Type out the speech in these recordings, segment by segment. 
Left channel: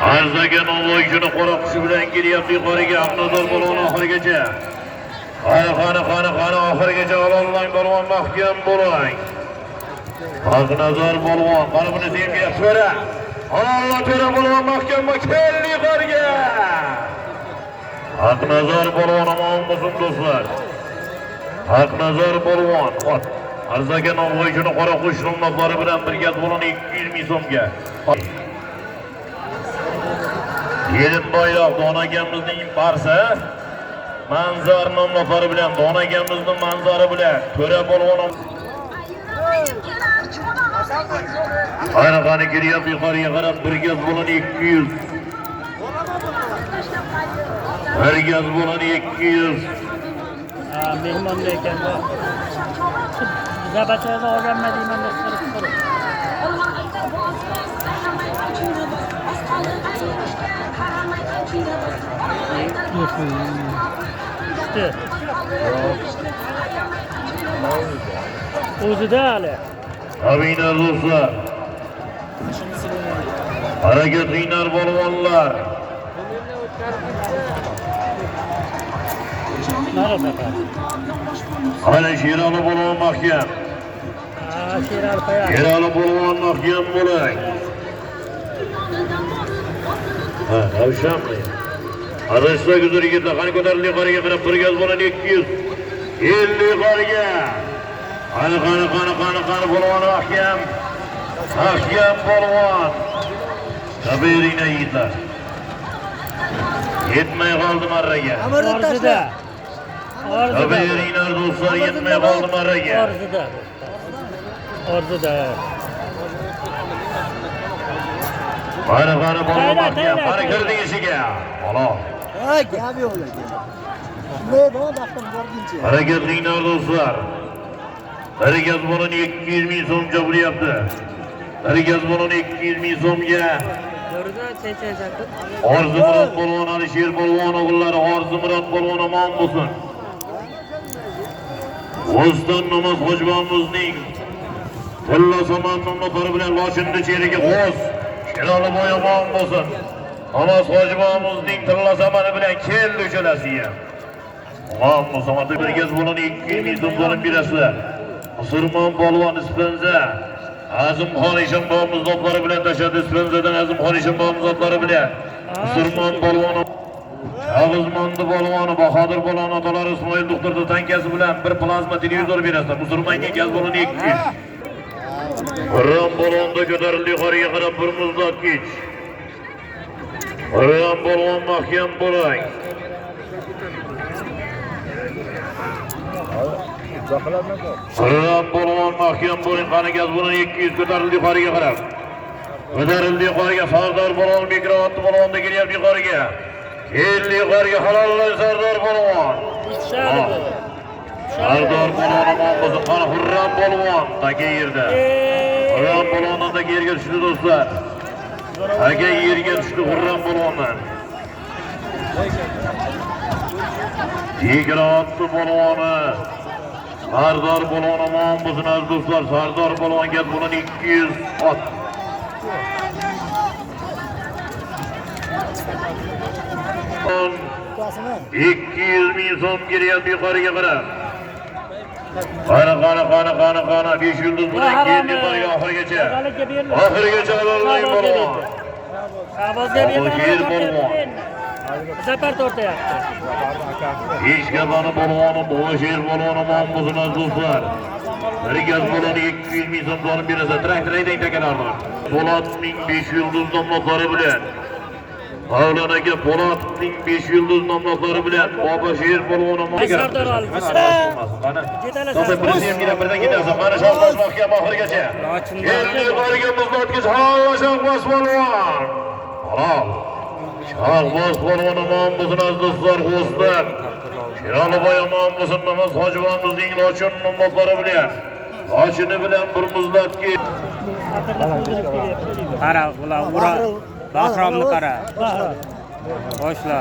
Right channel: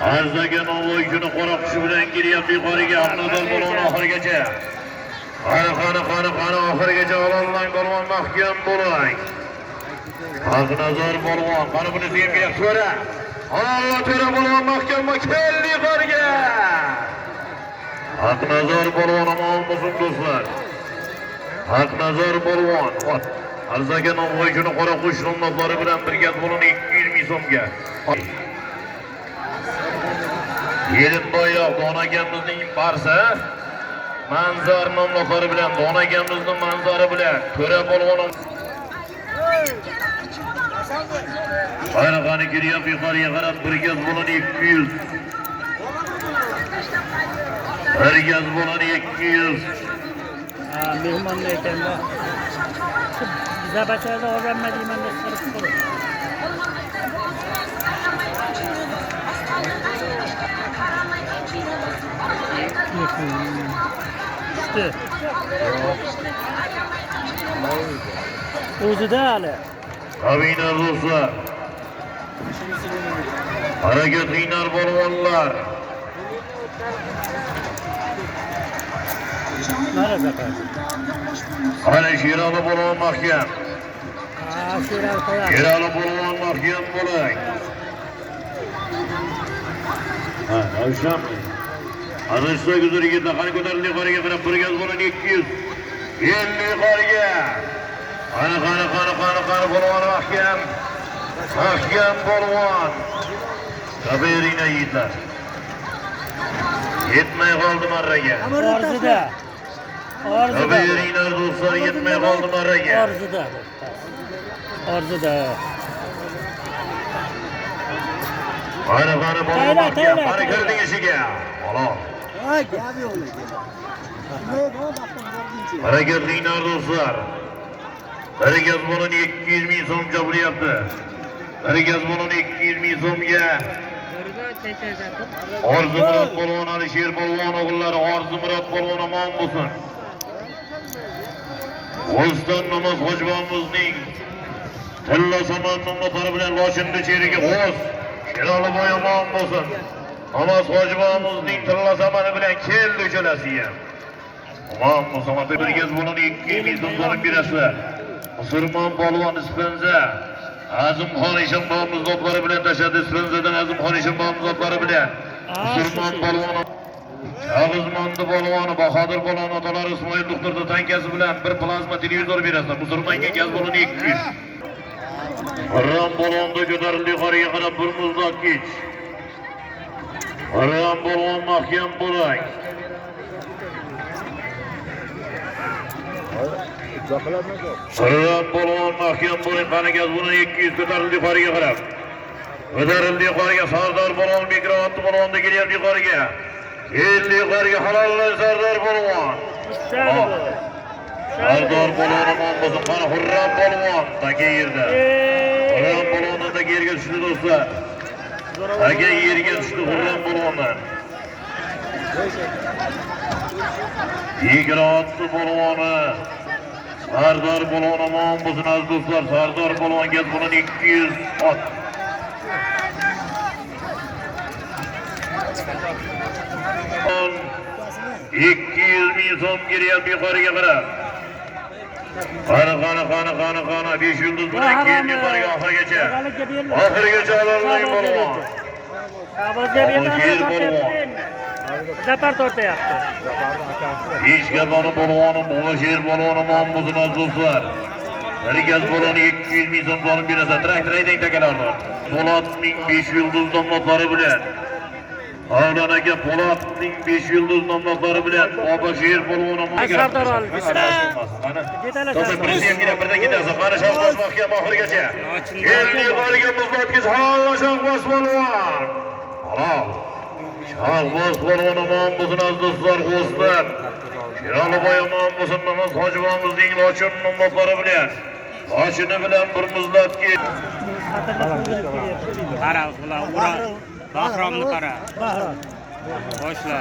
Arzaga Navoiyni qora qushi bilan kelyapti yuqoriga. Aqnodor bo'lgan oxirigacha. Qani oxirigacha ololmang bo'lgan mahkam bo'ling. Aqnodor bo'lgan, qani buni senga so'ra. Allah tera bo'lgan mahkam keldi yuqoriga. Aqnodor bo'lgan omon bo'lsin do'stlar. Aqnodor bo'lgan. Arzaga Navoiyni qora qush nomlari bilan birga bo'lgan 200 ming so'mga. Yelimboyoq donagamizning barsa manzar nomlari bilan donagamizning manzari bilan to'ra bo'lgan. Ayroqani kiryapti yuqoriga qarab bir gaz bo'lgan 200. Bir gaz bo'lgan 200. Mehmon ekan. Biza bachada olganmadingmi deb so'rashdi. O'zida hali. Abina do'stlar. Harakat qiyinar bo'lganlar. Hali Sherali bo'lgan mahkam. Sherali bo'lgan mahkam bo'ling. O'shamdi. Arashda guzuriga qani ko'tarildi qariga qarab turgan bo'lgan 200. 50 qariga. Qani bo'lgan mahkam. Mahkam bo'lgan. Tabiringdan yigitlar. Yetmay qoldi marraga. Amarda tashla. Tabiringlar do'stlar yetmay qoldi marraga. Orzuda. Qani bo'lgan mahkam. Qani kirdi eshiga. Xolos. Voy, gap yo'q lekin. Shunday bo'lib vaqtim borguncha. Harakat qiyinar do'stlar. Bir gaz bo'lgan 200 ming so'm jabriyapti. Bir gaz bo'lgan 200 ming so'mga. Orzumurod bo'lgan Alisher bo'lgan o'g'illari Orzumurod bo'lgan omon bo'lsin. O'zdan namoz hojibomizning Mulla Somon nomlari bilan Loshinni cheriga qo'z. Sherali boy omon bo'lsin. Namoz hojibomizning Tilla zamani bilan keldi uchalasiga. Omon bo'lsin. Bir gaz bo'lgan 200 ming so'm bo'lib berasizlar. Musulmon polvon ispanza Azimxon Eshonbobomiz zotlari bilan tashadi. Ispanzadan Azimxon Eshonbobomiz zotlari bilan Musulmon polvon Yag'izmondi polvoni Bahodir polvon otalari Ismoil doktorda tankasi bilan bir plazma televizor berasizlar. Musulmonga gaz bo'lgan 200. Qur'on polvonda ko'tarildi yuqoriga qarab bir muzlatgich. Qur'on polvon mahkam bo'ling. Qur'on polvon mahkam bo'ling. Qani gaz bo'lgan 200 ko'tarildi yuqoriga qarab. Ko'tarildi yuqoriga Sardor polvon mikrofonni polvonda kelyapti yuqoriga. 50 yuqoriga halollar Sardor polvon. Sardor polvon omon bo'lsin. Qani Qur'on polvon taka yerda. Qur'on polvondan da yerga tushdi do'stlar. Taka yerga tushdi Qur'on polvondan. Mikrofonni polvoni Sardor polvon omon bo'lsin aziz do'stlar. Sardor polvon gaz bo'lgan 200 ot. $200 ming so'm kelyapti yuqoriga qarab. Qani 5 yulduz bilan keldi yuqoriga oxirigacha. Oxirigacha ololmang polvon. Yer polvon. Zapart o'rtayapti. Eshkabani polvoni Bo'sher polvoni omon bo'lsin aziz do'stlar. Bir gaz bo'lgan 200 ming so'm berib berasa traktor haydang takalarni. Po'latning 5 yulduz nomlari bilan Mavlon aka Po'latning 5 yulduz nomlari bilan Bobosher polvon omon. Sardor oldi. To'g'ri prezident birdan ketasa, qani Shohboz mahkam oxirigacha. Endi yuqoriga muzlatgich halol Shohboz polvon. Halol. Shohboz polvon omon bo'lsin aziz do'stlar, xo'slar. Sherali boy omon bo'lsin, namoz hojibomizning Lochin nomlari bilan. Lochini bilan bir muzlatgich. Qara, bular. Bahromni qara. Boshla.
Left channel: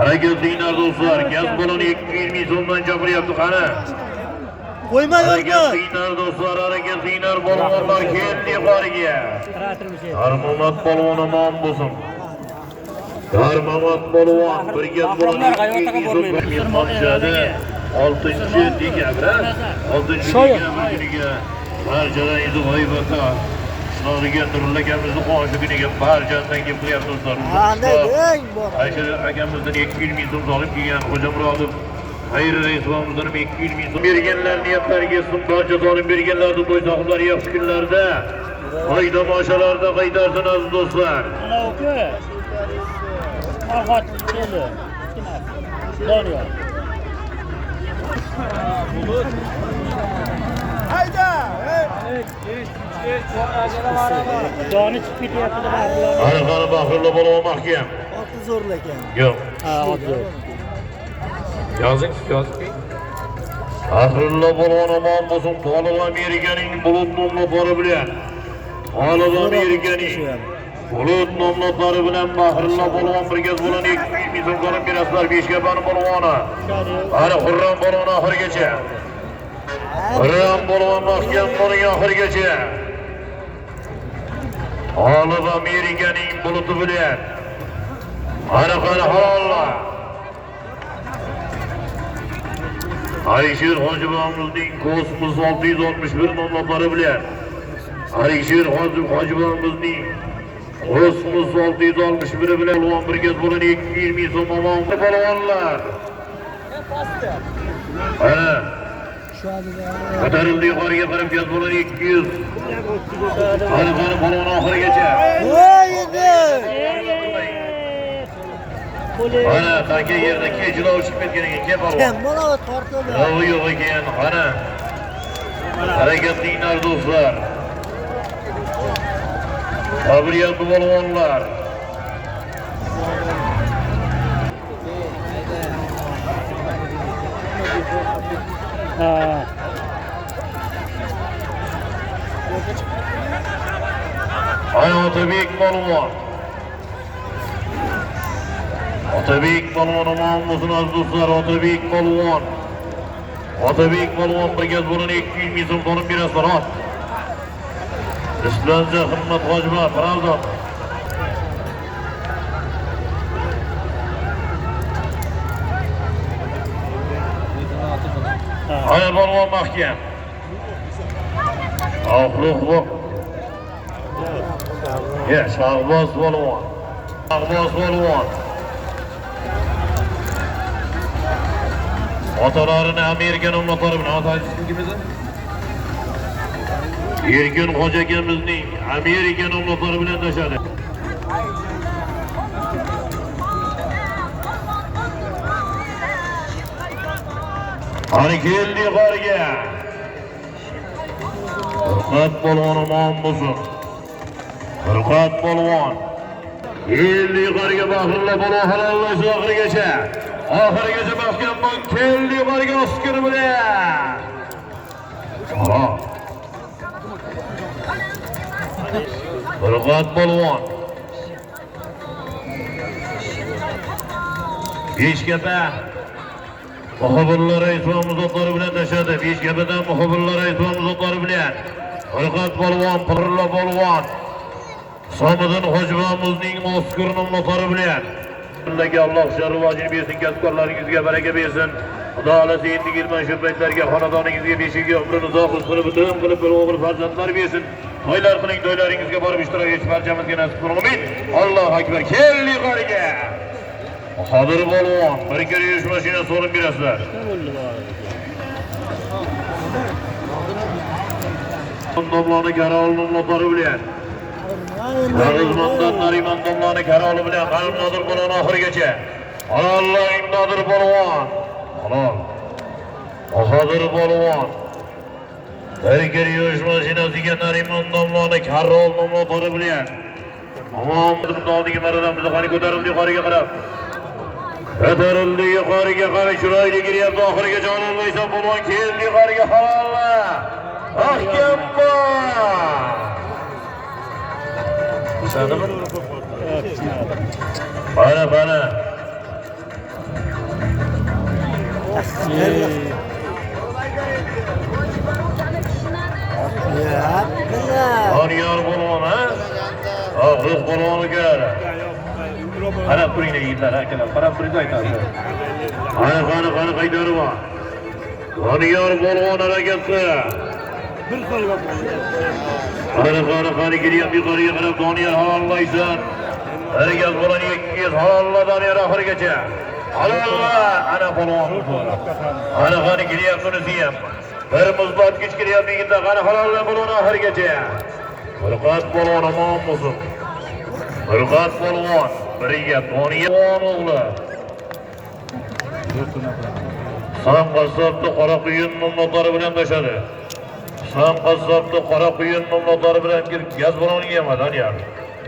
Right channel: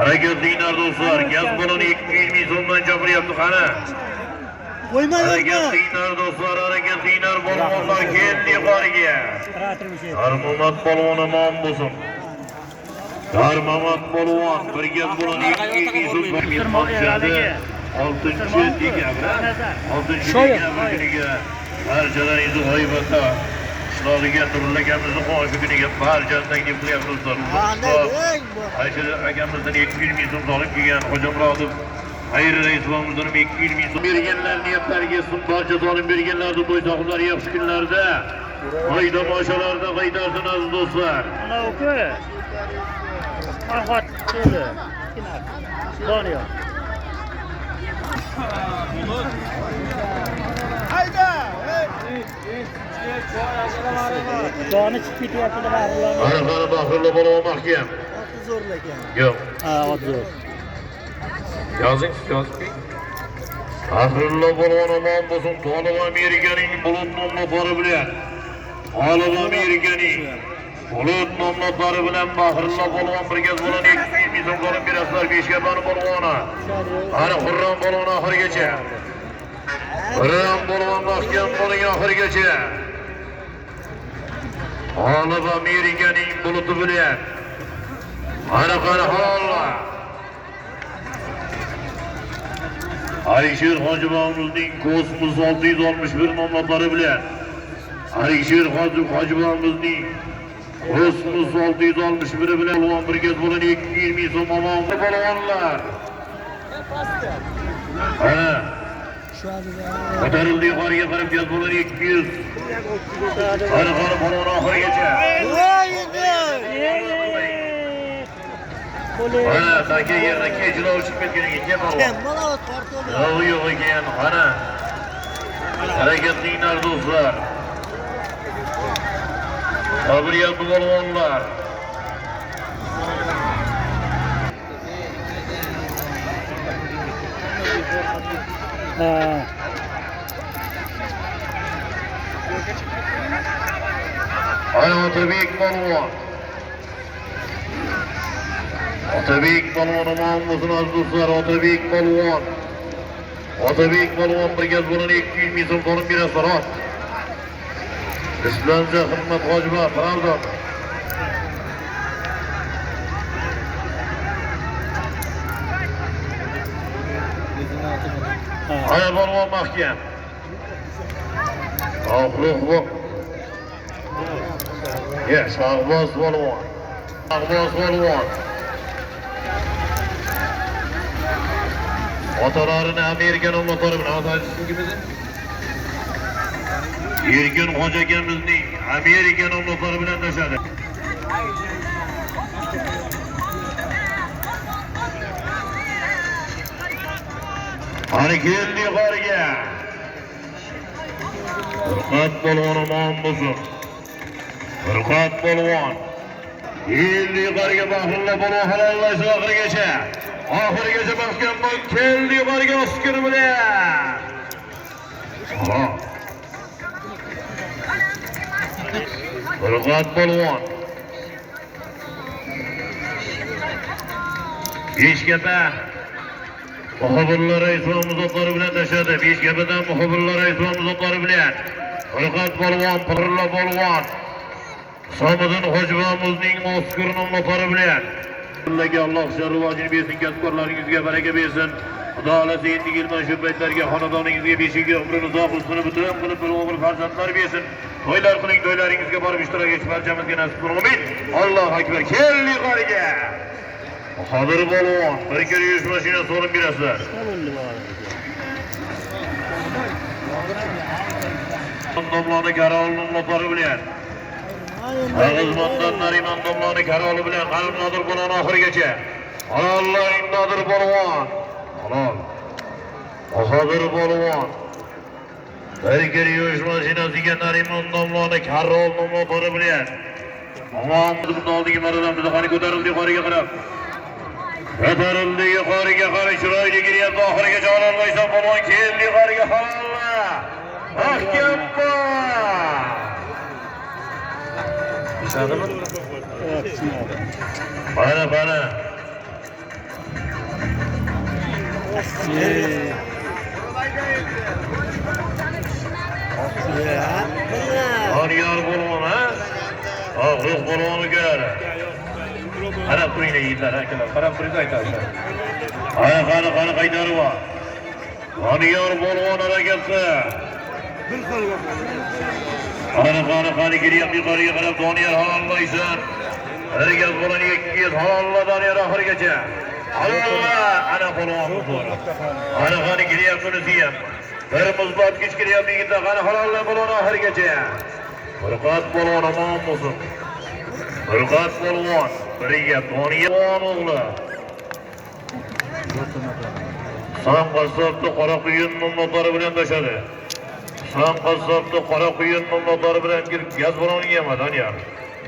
Harakat qiyinar do'stlar. Gaz bo'lgan 200 ming so'mdan jabriyapti qani. Qo'ymay Harakat qiyinar do'stlar, harakat qiyinar polvonlar keldi yuqoriga. Armonat polvon omon bo'lsin. Darmamat Polvon bir gap bo'ladi. 6-chi dekabr. 6-chi dekabr kuniga barchadan endi g'oybatda Shinobiga turli akamizni qo'shi kuniga barchasidan taklif qilyapmiz do'stlar. Aysha akamizdan 200 ming so'm olib kelgan Xo'jamurodov Xayri Raisovimizdan 200 ming so'm berganlar, niyatlariga so'm barcha solim berganlarni to'y sohiblari yaxshi kunlarda, foyda moshalarda qaytarsin aziz do'stlar. Ana uka. Farhod keldi. Doniyor. Joni chiqib ketyapti. Qani Bahrillo Polvon mahkam. Oti zo'rlar ekan. Yo'q. Ha, zo'r. Yozing. Bahrillo Polvon omon bo'lsin. Tolib Amerikaning bulut nomlari bilan. Tolib Amerikaning bulut nomlari bilan Bahrillo Polvon birga bo'lib 200 ming so'm qolib berasizlar. Beshkabani Polvoni. Ana Xurram Polvon oxirigacha. Xurram Polvon mahkam bo'ling oxirigacha. Tolib Amerikaning buluti bilan. Ana halollar. Alisher Hojibovimizning Kosmos 661 nomlari bilan Alisher Hojibovimizning Kosmos 661 bilan Polvon birga bo'lib 200 ming so'm omon polvonlar. Ana ko'tarildi yuqoriga qarab gaz bo'lib 200. Ana polvon oxirigacha. Ana sanki yerda kechilov chiqib ketganiga ke polvon. Mana tortildi. Yo'q ekan, ana. Harakatlilar do'stlar. Sabriyat polvonlar. Ana Otabek polvon. Otabek polvon omon bo'lsin aziz do'stlar. Otabek polvon. Otabek polvon birga bo'lib 200 ming so'm qolib berasizlar. Ot. Islanza Himmat Hojibov, Pravda. Ana polvon mahkam. Oxluq. Ya, Shahboz polvon. Otalarini Amerika nomlari bilan otasiz kimidi? Erkin Hoji akamizning Amerika nomlari bilan tashadi. Qani keldi yuqoriga. Furqat polvon omon bo'lsin. Furqat polvon. Keldi yuqoriga Bahrillo polvon halollash oxirigacha. Oxirigacha mahkam bo'l. Keldi yuqoriga Oskar bilan. Furqat polvon. Beshkapa muxbirlar Raisimiz otlari bilan tashadi. Beshkapadan muxbirlar Raisimiz otlari bilan. Furqat polvon, Bahrillo polvon. Somiddin Hojibovimizning Oskar nomlari bilan. Sizlarga Alloh sharrivojini bersin, kasblaringizga baraka bersin. Xudo xolasa endi kelgan shu paytlarga xonadoningizga beshiga umrini uzoq qilsin, butun qilib bir o'g'il farzandlar bersin. To'ylar qiling, to'ylaringizga borib ishtirok etish barchamizga nasib qilsin. Amin. Allohu akbar. Keldi qariga. Qodir polvon, bir kira yurish mashinasi olib berasizlar. Domloni Karol nomlari bilan. Nag'izmondan Nariman domloni Karoli bilan Qalb Nodir polvon oxirigacha. Alloh Nodir polvon. Halol. Qodir polvon. Bir kira yurish mashinasiga Nariman domloni Karol nomlari bilan. Amon bundan oldingi maradan bizni qani ko'tarildi yuqoriga qarab. Ko'tarildi yuqoriga qarab chiroyli giryapti oxirigacha ololmaysan polvon keldi yuqoriga halollar. Mahkam bor. Tushadimi? Bana. Doniyor polvon, ha? Ruh balonu gör. Qarab turinglar yigitlar, akalar. Qarab turinglar aytasiz. Qani qaytarma. Doniyor balon harakati. Qani kelyapti yuqoriga qarab Doniyor halollaysan. Harakat balon 200 halolla Doniyor oxirigacha. Allah! Ana balon. Qani kelyapti bunisi ham. Bir muzlatgich kelyapti yigitlar. Qani halolla balon oxirigacha. Furqat balon omon bo'lsin. Furqat balon. Biriga Doniyor o'g'li. Sam qassobni qora quyun nomlari bilan tashadi. Sam qassobni qora quyun nomlari bilan gaz baloni yema Doniyor.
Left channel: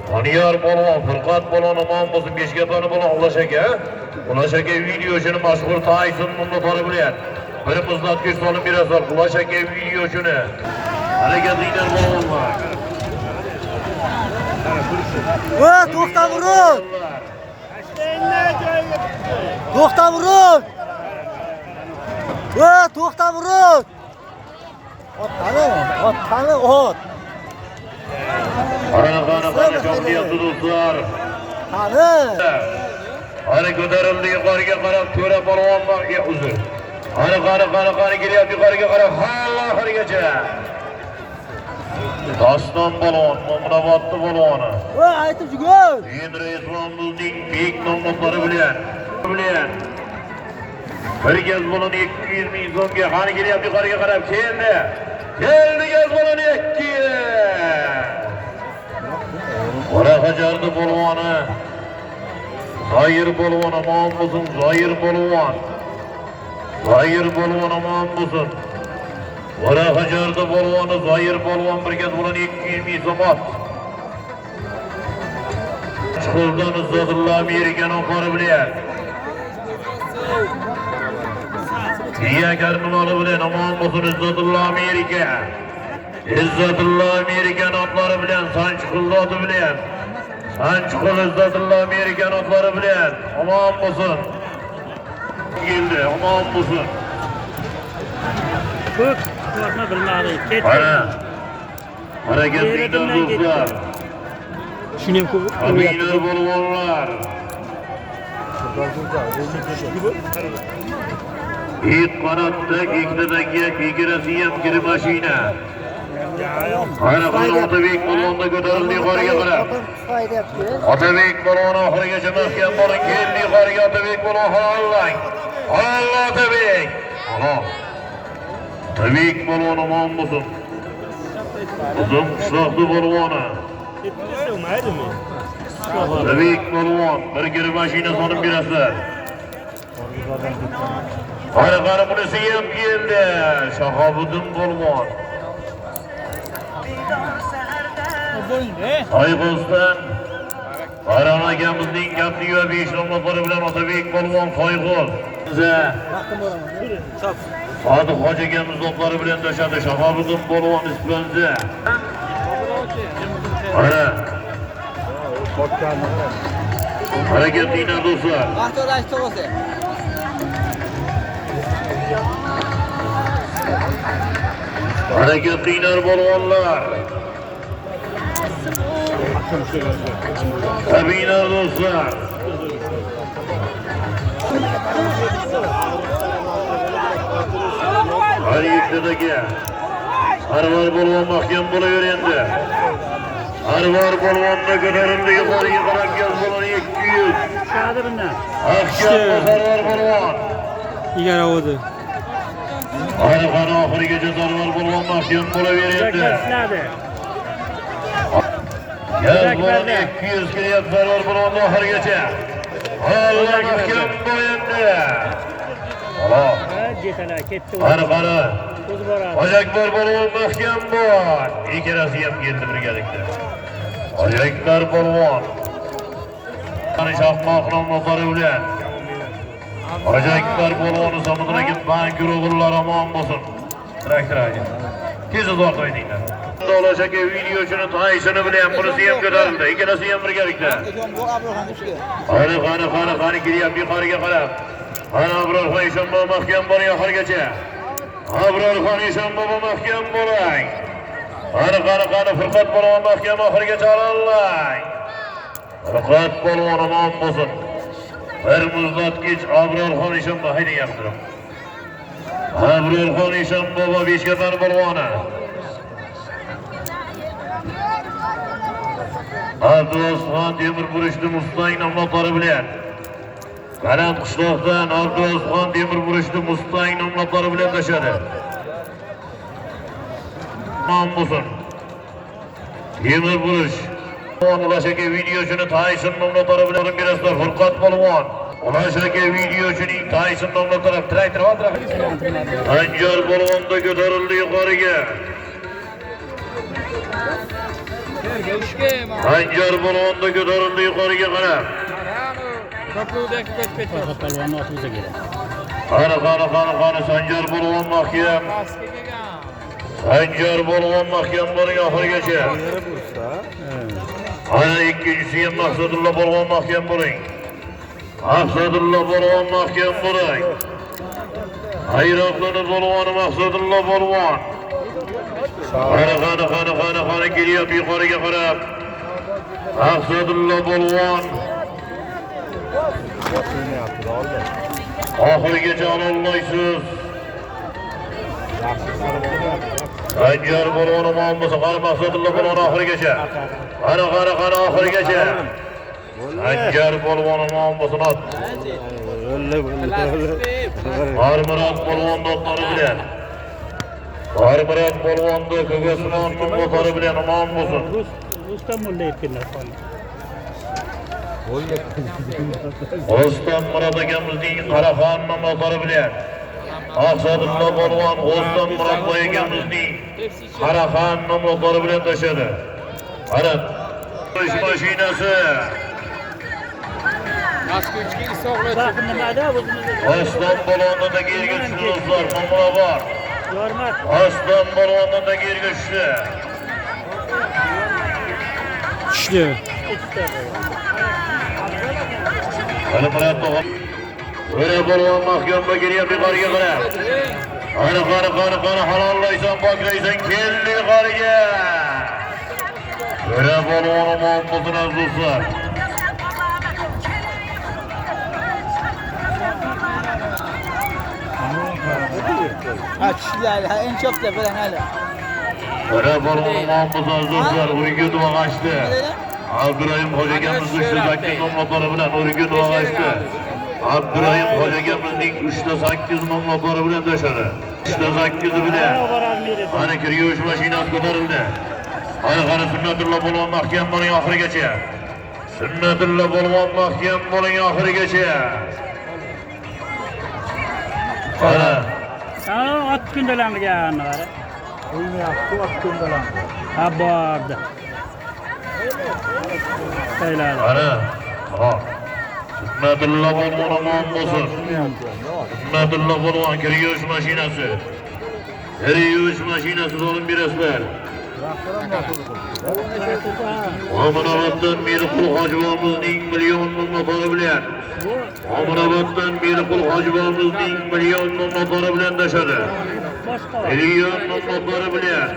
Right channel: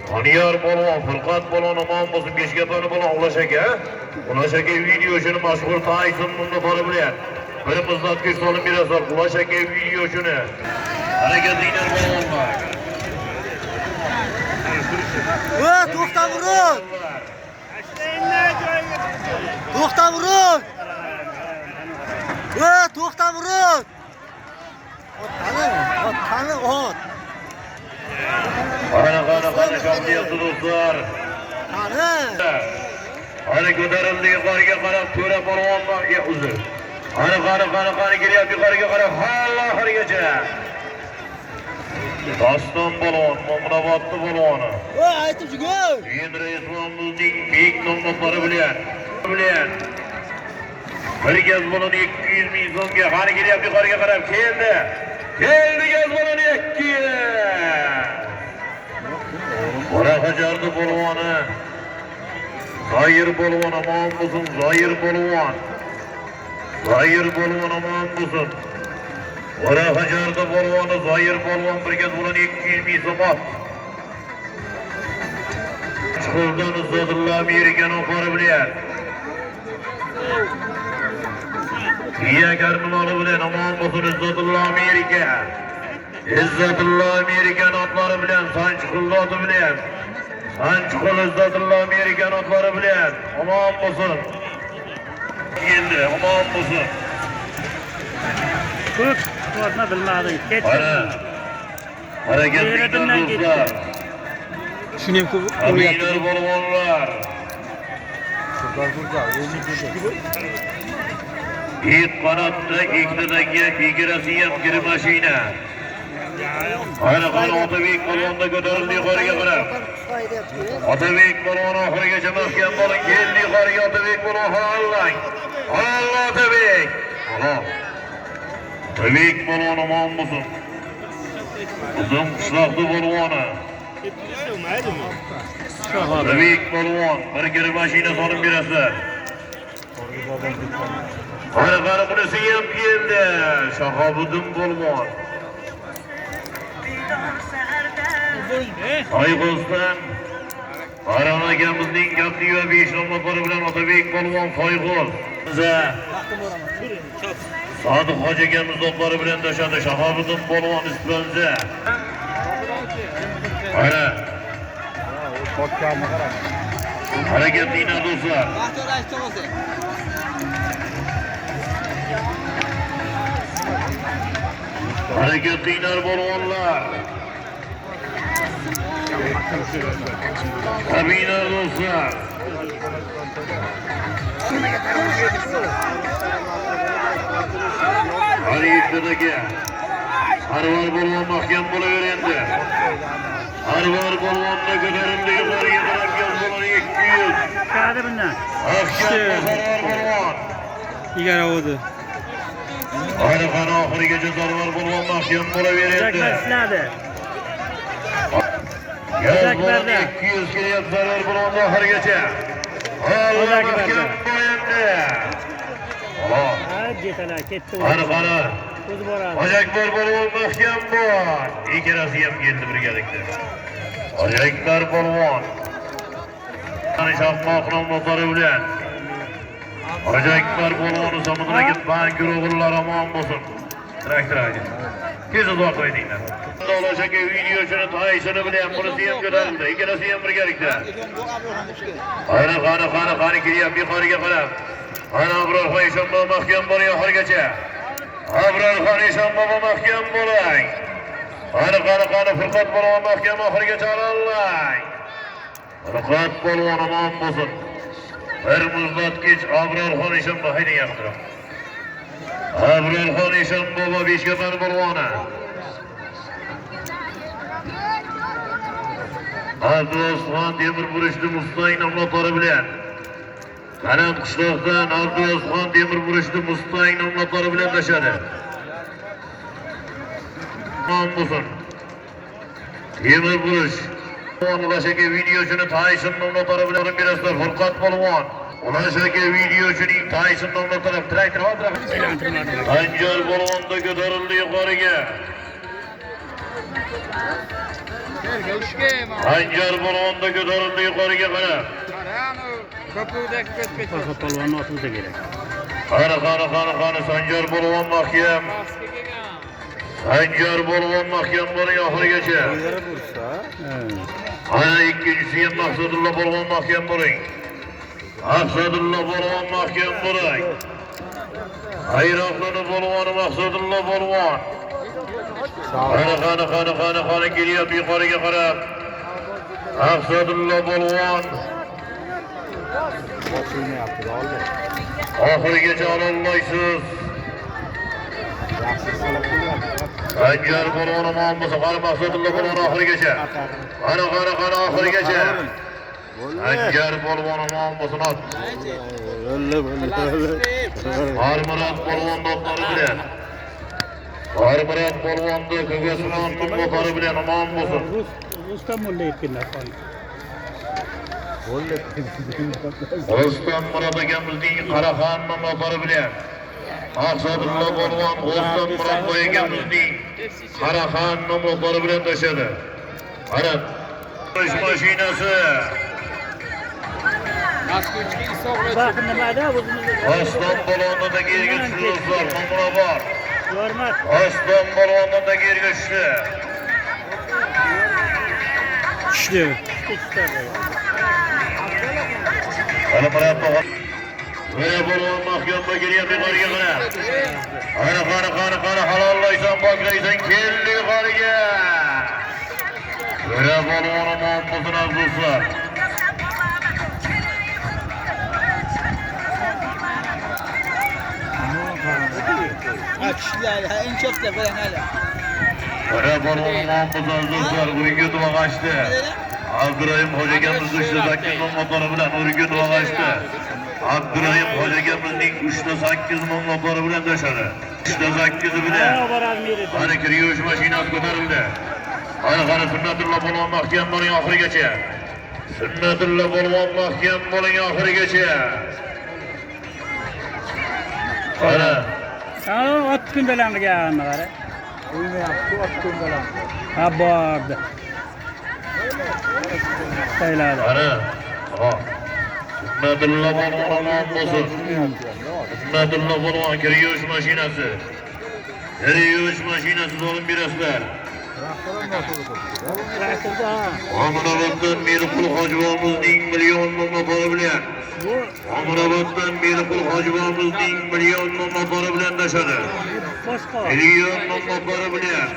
Doniyor balon, Furqat balon omon bo'lsin. 5 ga toni balon Ulash aka. Ulash aka videosini mashhur Tayson nomlari bilan bir muzlatgich solib berasizlar. Ulash aka videosini. Harakatinglar balonlar. To'xta vurun! To'xta vurun! To'xta vurun! Qani, ot. Qani qanday do'stlar. Qani ko'tarildi yuqoriga qarab to'ra polvon baqga uzr. Qani kelyapti yuqoriga qarab halla oxirigacha. Doston balon, Mo'minobodni baloni. Aytib jugur. Endi Islomimizning bek nomlari bilan. Bir gaz baloni 200 ming so'mga qani kelyapti yuqoriga qarab keldi. Keldi gaz baloni 200. Qora hajarni balvoni. Zoir balvon omon bo'lsin, Zoir balvon. Zoir balvon omon bo'lsin. Qora hajarni balvoni Zoir balvon bir gaz baloni 200 ming so'm. Chiqildan Izzatullo Amerikan oqari bilan. Iya karnimoli bilan omon bo'lsin Izzatullo Amerika. Izzatullo Amerikan otlari bilan Sanchiqildi oti bilan. Sanchiqil Izzatullo Amerikan otlari bilan omon bo'lsin. Keldi, omon bo'lsin. Ko'rma bilmadim. Qara. Harakatli do'stlar. Shuni ham Aminar balvonlar. İlk qanotda ikkitadagi egirasi ham kir mashina. Qani Otabek balonda ko'tarildi yuqoriga qarab. Otabek balon oxirigacha mahkam bo'ling. Keldi yuqoriga Otabek balon halollang. Halol Otabek. Halol. Otabek balon omon bo'lsin. Uzun qishloqni balvoni. Otabek balvon bir kir mashina solib berasizlar. Qani bunisi ham keldi. Shahobiddin balvon. Soyg'uzdan Baron akamizning gapli va 5 nomlari bilan Otabek polvon Soyg'uz. Sodiq hoji akamiz nomlari bilan tashadi Shahobiddin polvon Ispanza. Mana. Harakatli do'stlar. Harakatli polvonlar. Sabina do'stlar. G'aribdagi Arvar polvon mahkam bo'laverdi. Arvar polvonni ko'tarildi yuqoriga qarab gaz baloni 200. Qani bundan. Arvar polvon. Igara oldi. Qani oxirigacha Arvar polvon mahkam bo'laverdi. Gaz baloni 200 kelyapti Arvar polvon oxirigacha. Allah mahkam bo'lendi. Xo'p. Jetala ketdi. Qani. Ojakbar polvon mahkam bor. Ikkalasi ham keldi birgalikda. Ojakbar polvon. Qani Shohmoq nomlari bilan. Ojakbar polvon Samudradagi bank guruhlari omon bo'lsin. Traktor aka. Tez uzoq qo'yinglar. Ulash aka videosini Taysoni bilan bunisi ham ko'tarildi. Ikkalasi ham birgalikda. Qani kelyapti yuqoriga qarab. Ana Abrorxon Eshonbobo mahkam bo'ling oxirigacha. Abrorxon Eshonbobo mahkam bo'ling. Qani Furqat polvon mahkam oxiriga chorallay. Furqat polvon omon bo'lsin. Bir muzlatgich Abrorxon Eshonboy haydang yaqinroq. Abrorxon Eshonboy Beshkatan polvoni. Abdulosxon temir burishni Mustang nomlari bilan. Qalam qishloqdan Abdulosxon temir burishni Mustang nomlari bilan tashadi. Nom bo'lsin. Temir burish. Ulaşaki videosunu Tyson nomlari bilan berasizlar. Furqat polvon. Ulaşaki videochining Tyson nomlari traktor va Anjar polvonda ko'tarildi yuqoriga. Anjar polvonda ko'tarildi yuqoriga qarab. Polvonni otimiga keladi. Qani Sanjar polvon mahkam. Sanjar polvon mahkam bo'ling oxirigacha. Ana ikkinchisi ham Maqsadullo polvon mahkam bo'ling. Maqsadullo polvon mahkam bo'ling. Hayroqlani polvoni Maqsadullo polvon. Qani kelyapti yuqoriga qarab. Maqsadullo polvon. Oxirigacha ololmaysiz. Sanjar polvon omon bo'lsa, qani Maqsadullo polvon oxirigacha. Qani oxirigacha. Sanjar polvon omon bo'lsin. Armurat polvon do'stlari bilan. Armurat polvonni Ko'kasmon nomlari bilan omon bo'lsin. Rustam mulla aytganlar. Rustam Murat akamizning Qaraxon nomlari bilan. Maqsadullo polvon Rustam Murat akamizning Qaraxon nomlari bilan tashadi. Qarab, ish mashinasi. Oston polvonidagi yerga tushdi do'stlar, nomra bor. Oston polvonidagi yerga tushdi. Tushdi. O'ra polvon mahkamga kelyapti yuqoriga qarab. Qani halollaysan, poklaysan, keldi yuqoriga. O'ra polvon omon bo'lsin do'stlar. En çok da böyle hala. O'ra polvon omon bo'lsin do'stlar, o'yinga duo'lashdi. Abdurahim hojagamiz uchta 8 nomlari bilan o'yinga duo'lashdi. Abdurahim hojagamizning 3-8 nomlari bilan tashadi. 3-8 bilan. Qani kiryosh mashinasi ko'tarildi. Qani Sunnatullo polvon mahkam bo'ling oxirigacha. Sunnatullo polvon mahkam bo'ling oxirigacha. Qani Ot kundalangan var. O'ynayapti, ot kundalan. Ha bordi. Sayladi. Qani Sunnatullo polvon omon bo'lsin. Sunnatullo polvon kiryosh mashinasi. Kiryosh mashinasi olib berasizlar. Omonoboddan Meliqul hojibomizning million nomlari bilan. Omonoboddan Meliqul hojibomizning million nomlari bilan tashadi. Million nomlari bilan.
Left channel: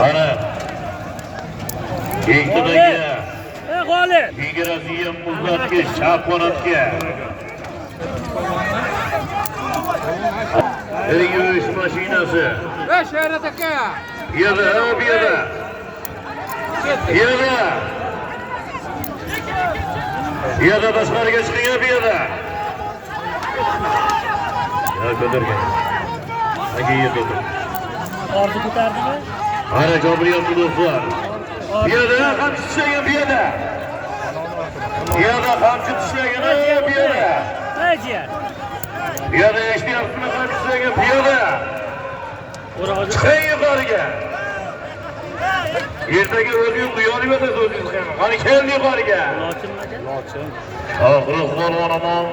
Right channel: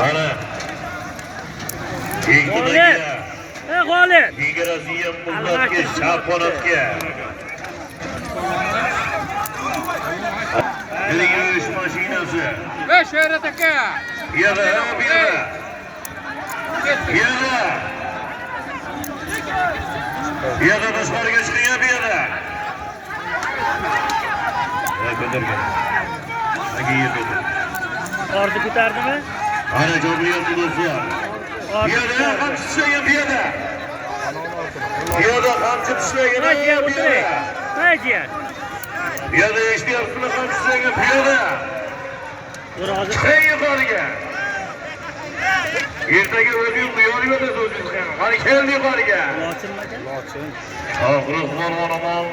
Qani Kengdagi G'olib. Migratsiya muzlatgich Sharqonatga. Kiryosh mashinasi. Şehret aka. Yana. Yana tashqariga chiqyapti yana. Qo'dirgan. Ordi ko'tardimi? Ana jo'biryapti do'stlar. Yana qamchi tishlagan yana. Yana qamchi tishlagan yana. Qayji? Yana eshityapsizmi qamchi tishlagan yana. Chiqing yuqoriga. Ertaga o'zingiz uyalib yotasiz o'zingiz ham. Qani keldi yuqoriga. Lochin. Oxiri polvon omon.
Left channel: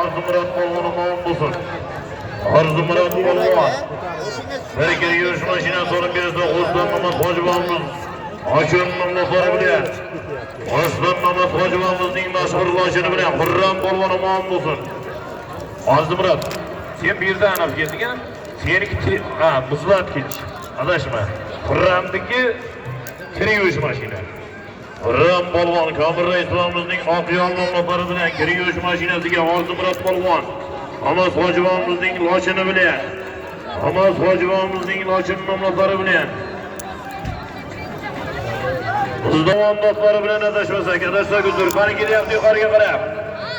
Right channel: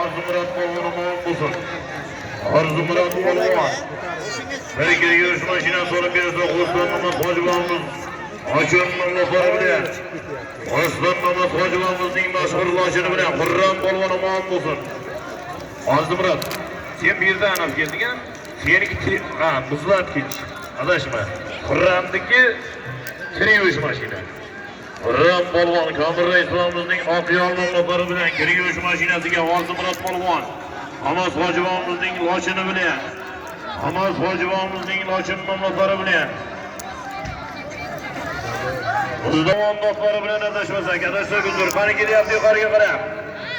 Orzimurat polvon omon bo'lsin. Orzimurat polvon. Birga yurish mashinasi olib bersa, O'zbek Mamad hojibomimiz Ochun nomlari bilan. O'zbek Mamad hojibomimizning mashhur lochini bilan Xurram polvon omon bo'lsin. Orzimurat, sen bu yerda aniq kelding-a? Seniki muzlatgich. Adashma. Xurramniki kirish mashina. Xurram polvon Komil Raislamizning oqyon nomlari bilan kirish mashinasiga Oltimurod polvon. Amas hojibomizning lochini bilan. Amas hojibomizning lochin nomlari bilan. Uzdon do'stlari bilan adashmasak, adashsak uzr. Qani kelyapti yuqoriga qarab.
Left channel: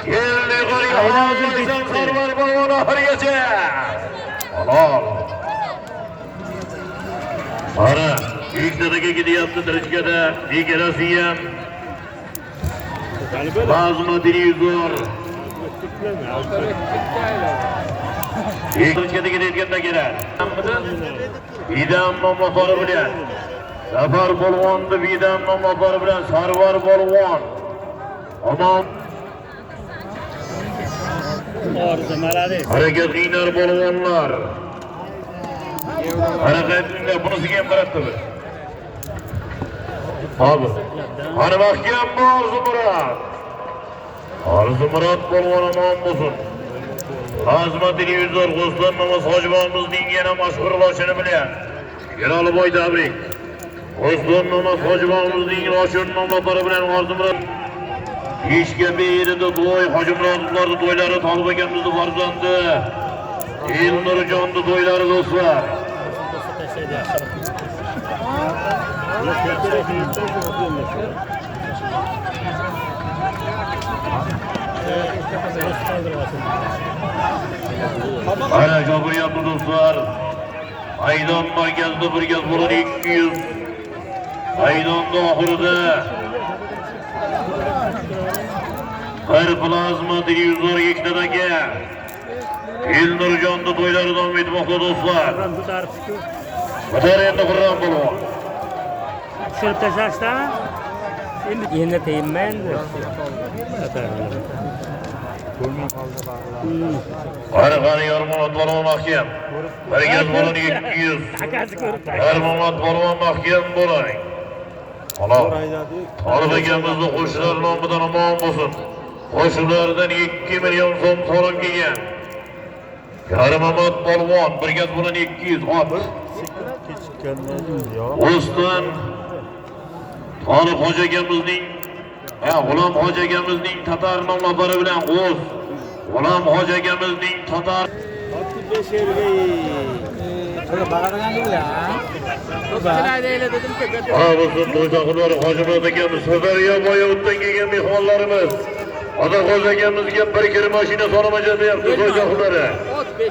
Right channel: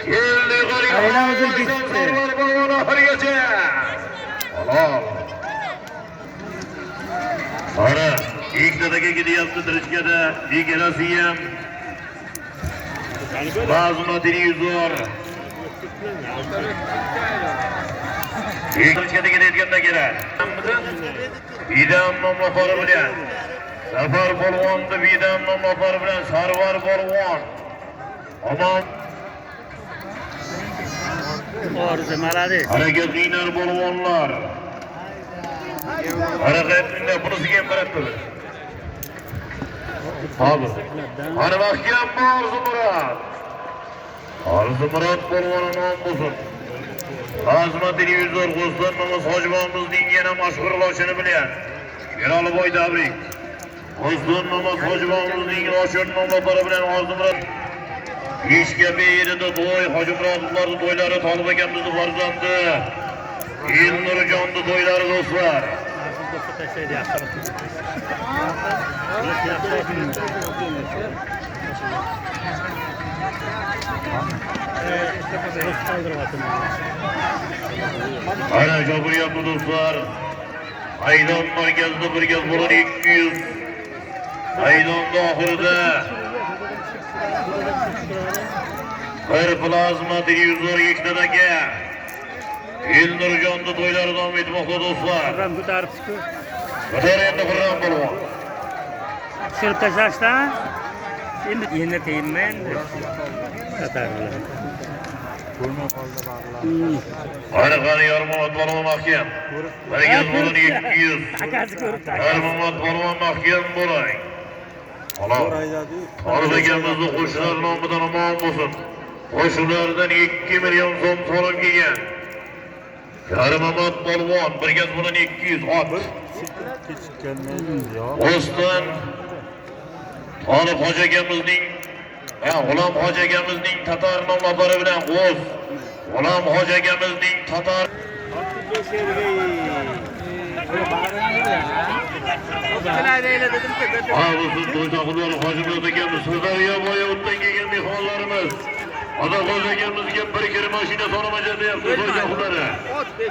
Keldi yuqoriga. Hammasidan sarvar polvon oxirigacha. Halol. Ana, ikkitaga ketyapti Tirishkada, ikkalasi ham. Bazma televizor. Tirishkada ketayotganda kerak. Bidam nomlari bilan. Zafar polvonni Bidam nomlari bilan Sarvar polvon. Omon. Orzu malades. Hareketlilar polvonlar. Hareketinde bunisiga ham qarab turdi. Hozir. Ana mahkam Orzumurod. Orzumurod polvon nom bo'lsin. Azma televizor G'uslan Namaz hojibomizning yana mashhur lochini bilan. Sheroliboy tabrik. G'uslan Namaz hojibomizning lochini nomlari bilan Orzumurod. Ishga berdi to'y hojiblarning to'ylari Tolib akamizning farzandi. Elnurjonning to'ylari do'stlar. Ana gapiryapti do'stlar. Aydon markazida bir gaz bo'ladi 200. Aydonda oxirida bir plazma televizor ikkitaga Elnurjonning to'ylari davom etmoqda do'stlar. Qadar endi Xurram polvon. Seni tashlashdan endi teyinmaydi. Qani Yormonot polvon mahkam. Bir gaz bo'ladi 200. Akasi ko'rib Yormonot polvon mahkam bo'ling. Halol. Tolib akamizning qo'shnilar nomidan omon bo'lsin. Qo'shnilardan 2 million so'm so'rab kelgan. Yormonot polvon bir gaz bo'ladi 200 ot. O'stan Tolib hoji akamizning G'ulom hoji akamizning Tatar nomlari bilan G'o'z. G'ulom hoji akamizning Tatar Avuzun to'ydoqlar hojibot akamiz Sirdaryo bo'yidan kelgan mehmonlarimiz. Otaxo'ja akamizga bir kir mashina solamajan deyapti to'ydoqlari.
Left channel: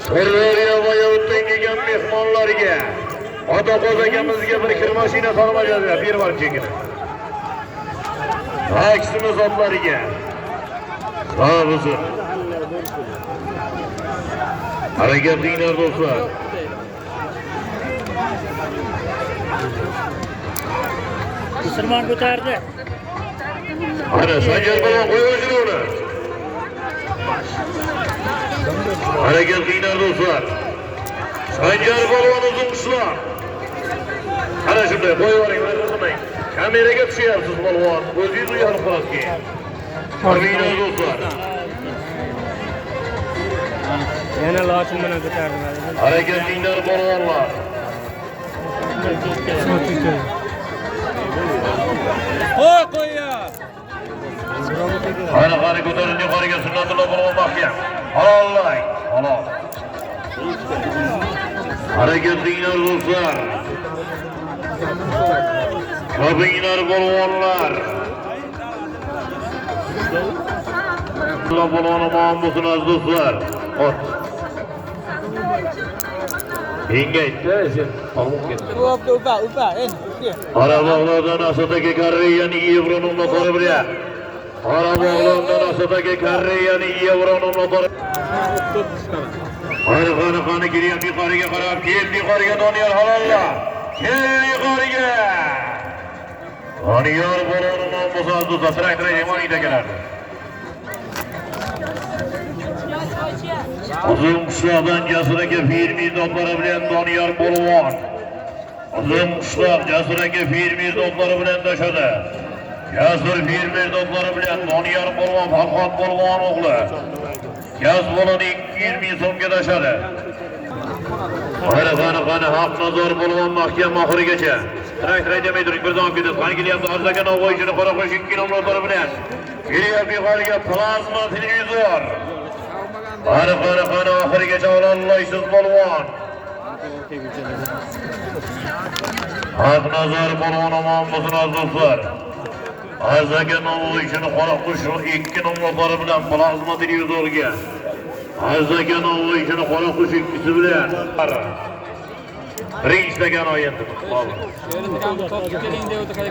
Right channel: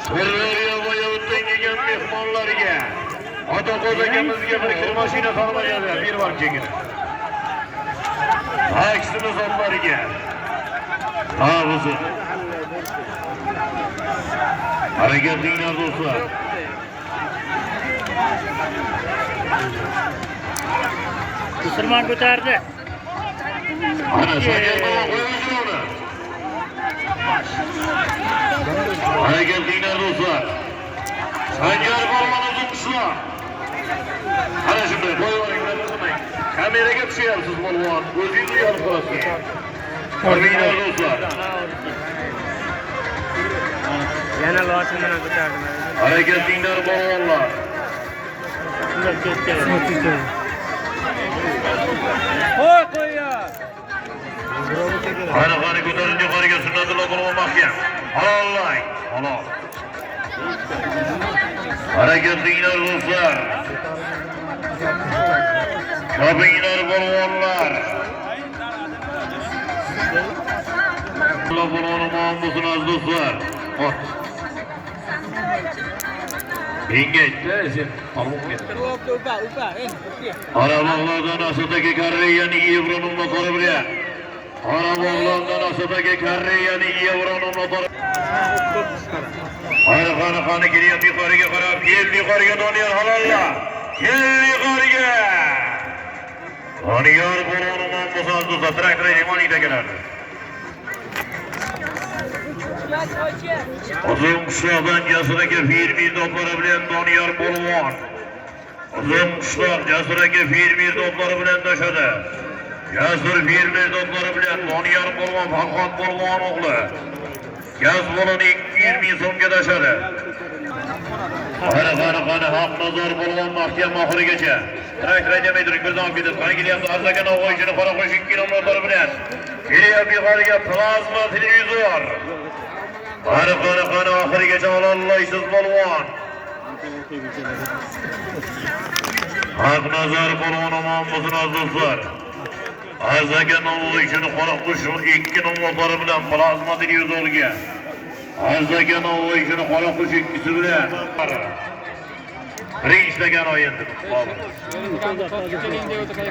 Sirdaryo bo'yidan kelgan mehmonlarga Otaxo'ja akamizga bir kir mashina solamajan deyapti bir var chekini. Aksimiz otlariga. Avuzun. Hareketliler do'stlar. Musulmon ko'tardi. Hareketliler do'stlar. Sanjar polvon uzun qishloq. Ana shunday qo'ying. Kameraga tushyapsiz polvon. O'zingiz uyalib qolasiz. Hareketliler do'stlar. Yana lochin bilan ko'tardim. Hareketliler polvonlar. Qo'y qo'ya. Qani ko'tarinchi yuqoriga Sunnatulloh polvon mahkam. Halollang. Halol. Hareketliler do'stlar. Kabinlar polvonlar. Allah polvoni muammosin do'stlar. Engaytdi, sen qolib ketdi. Upa, endi. Qarabog'lardan Asadagi Koreyaning yevro nomlari bilan. Qarabog'lardan Asadagi Koreyaning yevro nomlari. Qani kelyapti yuqoriga qarab, keldi yuqoriga Doniyor halolla. Keldi yuqoriga. Doniyor polvoni nomlari do'stlar, traktor Emonida keladi. Uzun qishloqdan Jasur aka fermer do'stlari bilan Doniyor polvon. Uzun qishloq Jasur aka fermer do'stlari bilan tashadi. Jasur fermer do'stlari bilan Doniyor polvon Farhod polvon o'g'li. Gaz bo'ladi 200 ming so'mga tashadi. Qani haqnazor bo'lgan mahkam oxirigacha. Trak demay turing, bir davom ketib. Qani kelyapti Arzakan Navoiychini qora qo'sh 2 nomlari bilan. Kelyapti yuqoriga plazma televizor. Qani oxirigacha ololmaysiz polvon. Haqnazor polvon omon bo'lsin azizlar. Arzakan Navoiychini qora qo'sh 2 nomlari bilan plazma televizorga. Arzakan Navoiychini qora qo'sh 2 bilan. Birinchilagan o'yindir.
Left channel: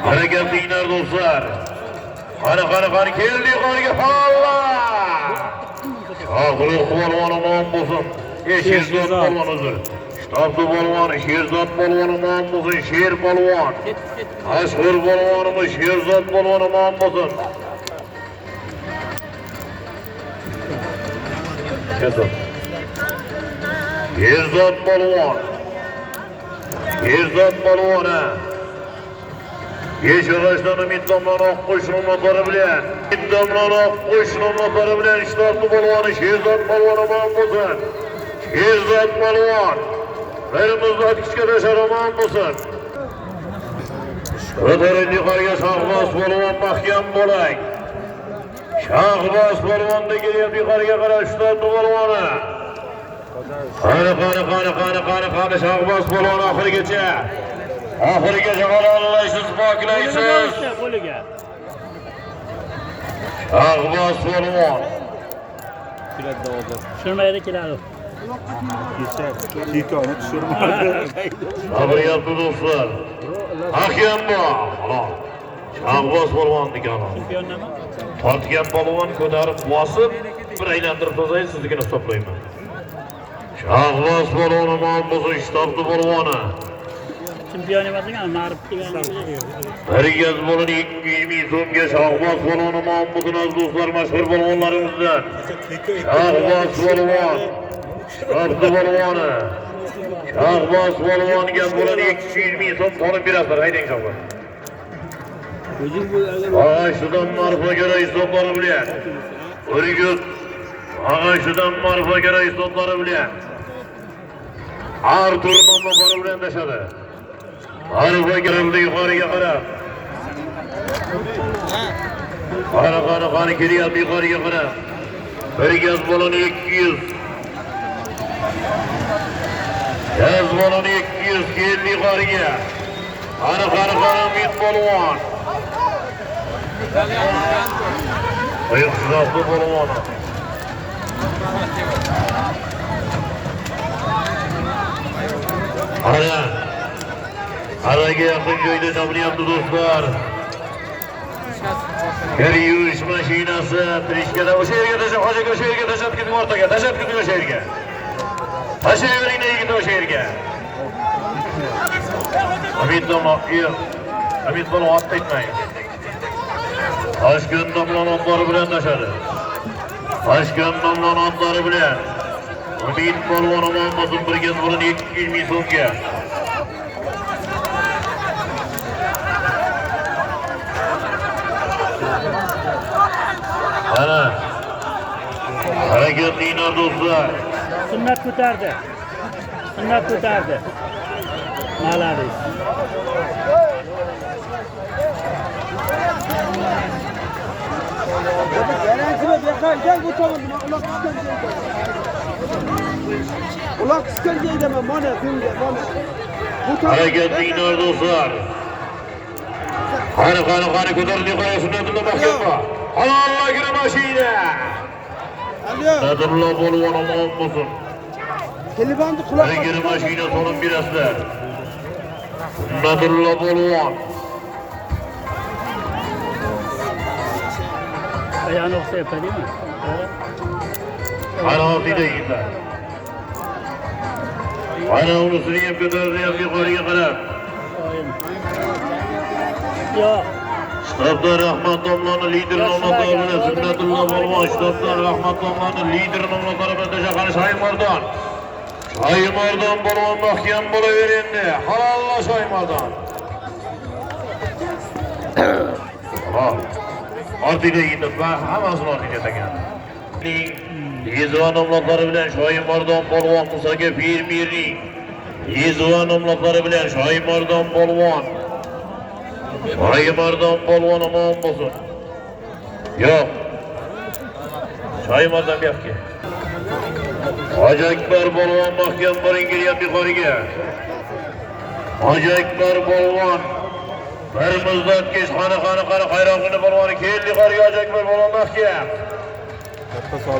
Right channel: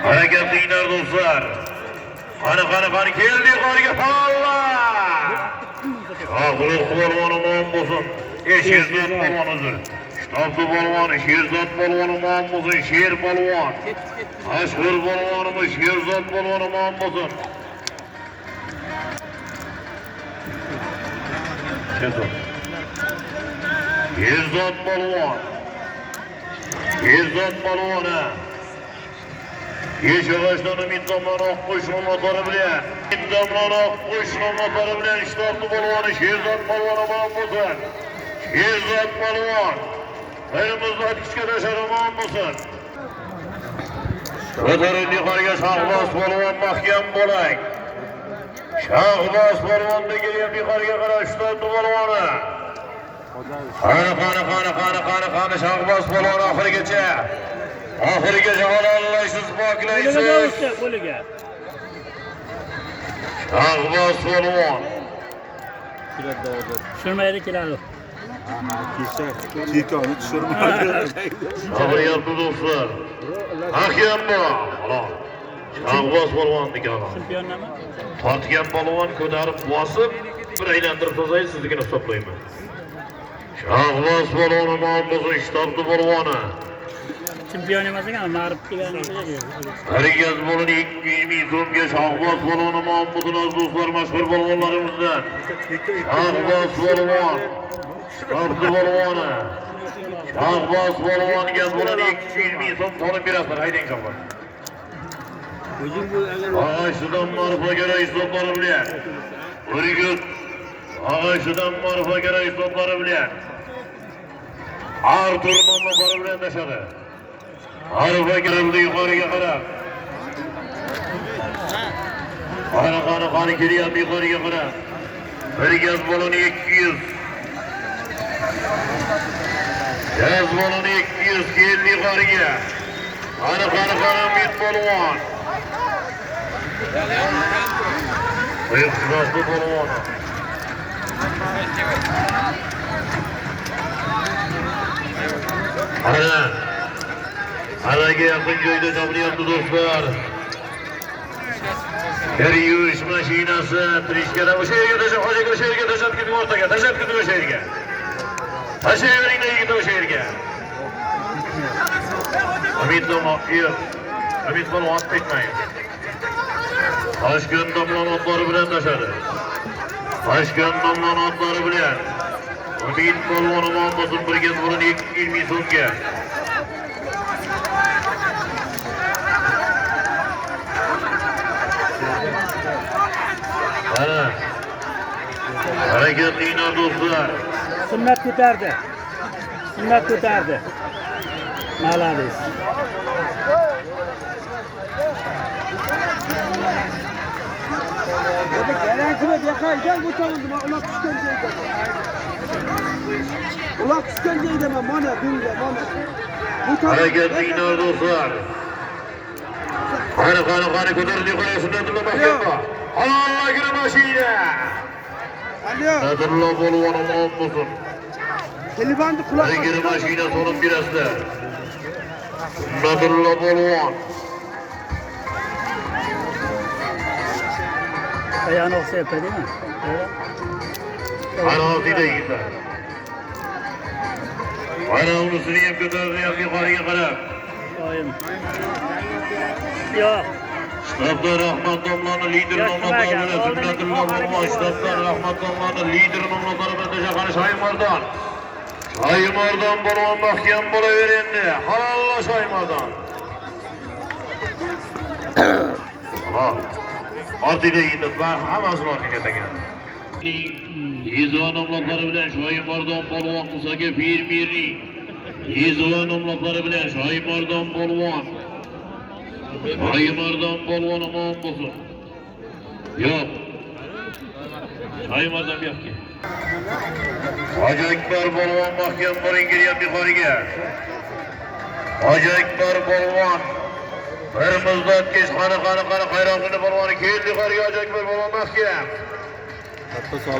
Harakatlilar do'stlar. Qani keldi yuqoriga Allah! Shohruh polvon omon bo'lsin. Sherzod polvon uzr. Shtabli polvon, Sherzod polvon omon bo'lsin, Sher polvon. Mashhur polvonimiz Sherzod polvon omon bo'lsin. Sherzod polvon. Sherzod polvona. Yeshag'ashdan umiddomlaroq qo'shni motori bilan. Umiddomlaroq qo'shni motori bilan shtabli polvoni Sherzod polvon omon bo'lsin. Sherzod polvon. Bir muzlatgichga tashar omon bo'lsin. Ko'tarin yuqoriga Shahboz polvon mahkam bo'ling. Shahboz polvonni kelyapti yuqoriga qarab shtabli polvoni. Qani Shahboz polvon oxirigacha. Oxirigacha ololmaysiz, poklaysiz. Shahboz polvon. Tushirmaydi keladi. Kekoni tushirmaydi. Sabr yaptı do'stlar. Hakem bor. Shahboz polvon degani. Tortgan polvon ko'tarib bosib, bir aylantirib tozaysiz, sizligini hisoblayman. Shahboz polvon omon bo'lsin, shtabli polvoni. Chempion emasmi, mag'rib kelgan. Harigaz bo'ladi 220 so'mga Shahboz polvon omon bo'lsin do'stlar, mashhur polvonlarimizdan. Shahboz polvon. Shtabli polvoni. Shahboz polvonga bo'ladi 220 so'm qolib berasizlar, haydang Shahboz. Ağaçlıdan marfa göre istotları bilen. Örgüt. Ağaçlıdan marfa göre istotları bilen. Artur mamlaları bilen taşadı. Marfa girildi yukarıya kadar. Qani kelyapti yuqoriga qarab. Bir gaz baloni 200. Gaz baloni 200 keldi yuqoriga. Qani Umid polvon. Buyuqsizatli polvon. Araga yaqin joyda topilyapti do'stlar. Bir yuvish mashinasi trishkada o'sha yerga tashab, hojaga o'sha yerga tashab ketib o'rtaga, tashab ketib o'sha yerga. Tashayvering yigit o'sha yerga. Umid polvon otda etmaydi. Toshkent nomlon otlari bilan tashadi. Toshkent nomlon otlari bilan. Umid polvon omon bo'lsin, bir gaz bo'ladi 220 so'mga. Ana. Hareketliler dostlar. Sünnet ko'tardi. Sünnet ko'tardi. Malades. Hareketliler dostlar. Qani ko'tarildi qo'ya Sunnatulloh mahkama. Allah günü başıyla. Sunnatulloh polvon omon bo'lsin. Telefonni quloq Allah günü başıyla sonun biraslar. Sunnatulloh polvon. Ayağını oksayıp değil mi? Ana ortayda yigitlar. Ana ulusunu ham ko'tardi, ham yuqoriga qarab. Oyim. Yo'q. Ştabdan Rahmat Domlan'ın lider nomlakları bilen Sunnatulloh polvon. Ştabdan Rahmat Domlan'ın lider nomlakları bilen Teşakani Şaymardan. Şaymardan polvon mahkem bo'laverendi. Halalla Şaymardan. Halal. Ortiga yetib, hammasini ortiga tagan. Yezvan nomlakları bilen Şaymardan polvon Musaga Pirmirning Yezva nomlaqlari bilan Shoimardon polvon. Shoimardon polvon omon bo'lsin. Yo'q. Shoimardon yo'qki. Hoji Akbar polvon mahkam boring kelyapti yuqoriga. Hoji Akbar polvon bir muzlatgich qani qayroqini polvoni keldi yuqoriga. Hoji Akbar polvon mahkam.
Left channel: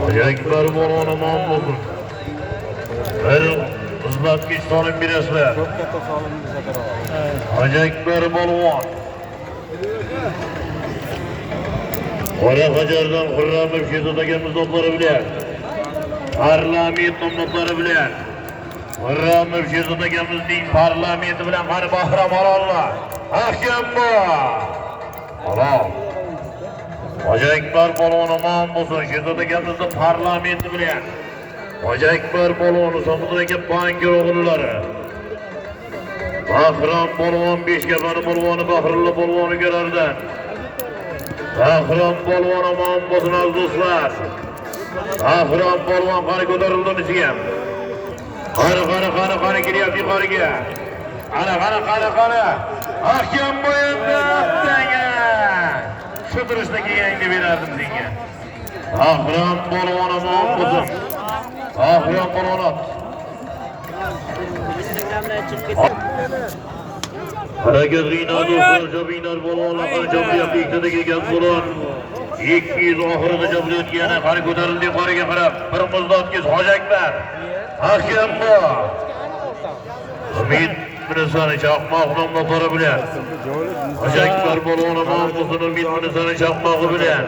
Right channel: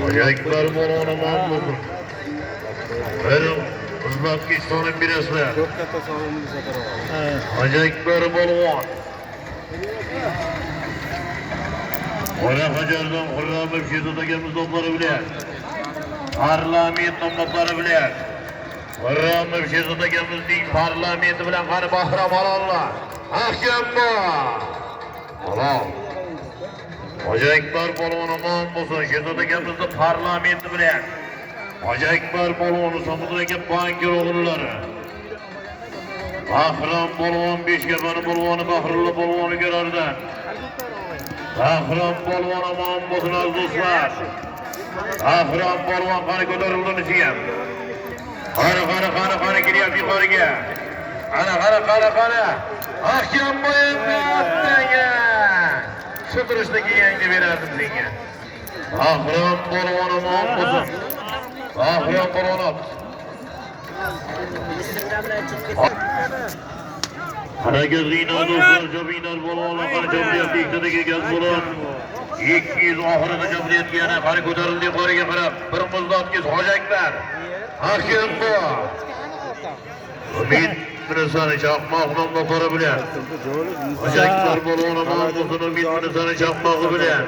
Hoji Akbar polvon omon bo'lsin. Bir muzlatgich solib berasizlar. Hoji Akbar polvon. Qora Hajardan Qurramov Shezodaga muzoklari bilan parlament nomlari bilan Qurramov Shezodagamizning parlamenti bilan qani bahram olonlar. Ahkambo. Halol. Hoji Akbar polvon omon bo'lsin. Shezodagamizning parlamenti bilan Hoji Akbar polvon So'midagi banki o'g'illari. Bahrom polvon Beshkapani polvoni Bahrulla polvoni Garardan. Bahrom polvon omon bo'lsin do'stlar. Bahrom polvon qani ko'tarildi ichiga. Qani kelyapti yuqoriga. Qani. Ahkam bo'yinda aptaga. Sudrashdagi yangi berardim senga. Bahrom polvon omon bo'lsin. Bahrom polvon. Harakatliğine dostlar, Cabinar polvonlar qani jamiyatda ikkitaga kelgan bo'lib, 200 oxirida jamiyat yana qani ko'tarildi yuqoriga qarab, bir muzlatgich Hoji Akbar. Ahkam bu. Umid Minisani chaqmoq nomlari bilan. Hoji Akbar polvon omon bo'lsin, Umid Minisani chaqmog'i bilan.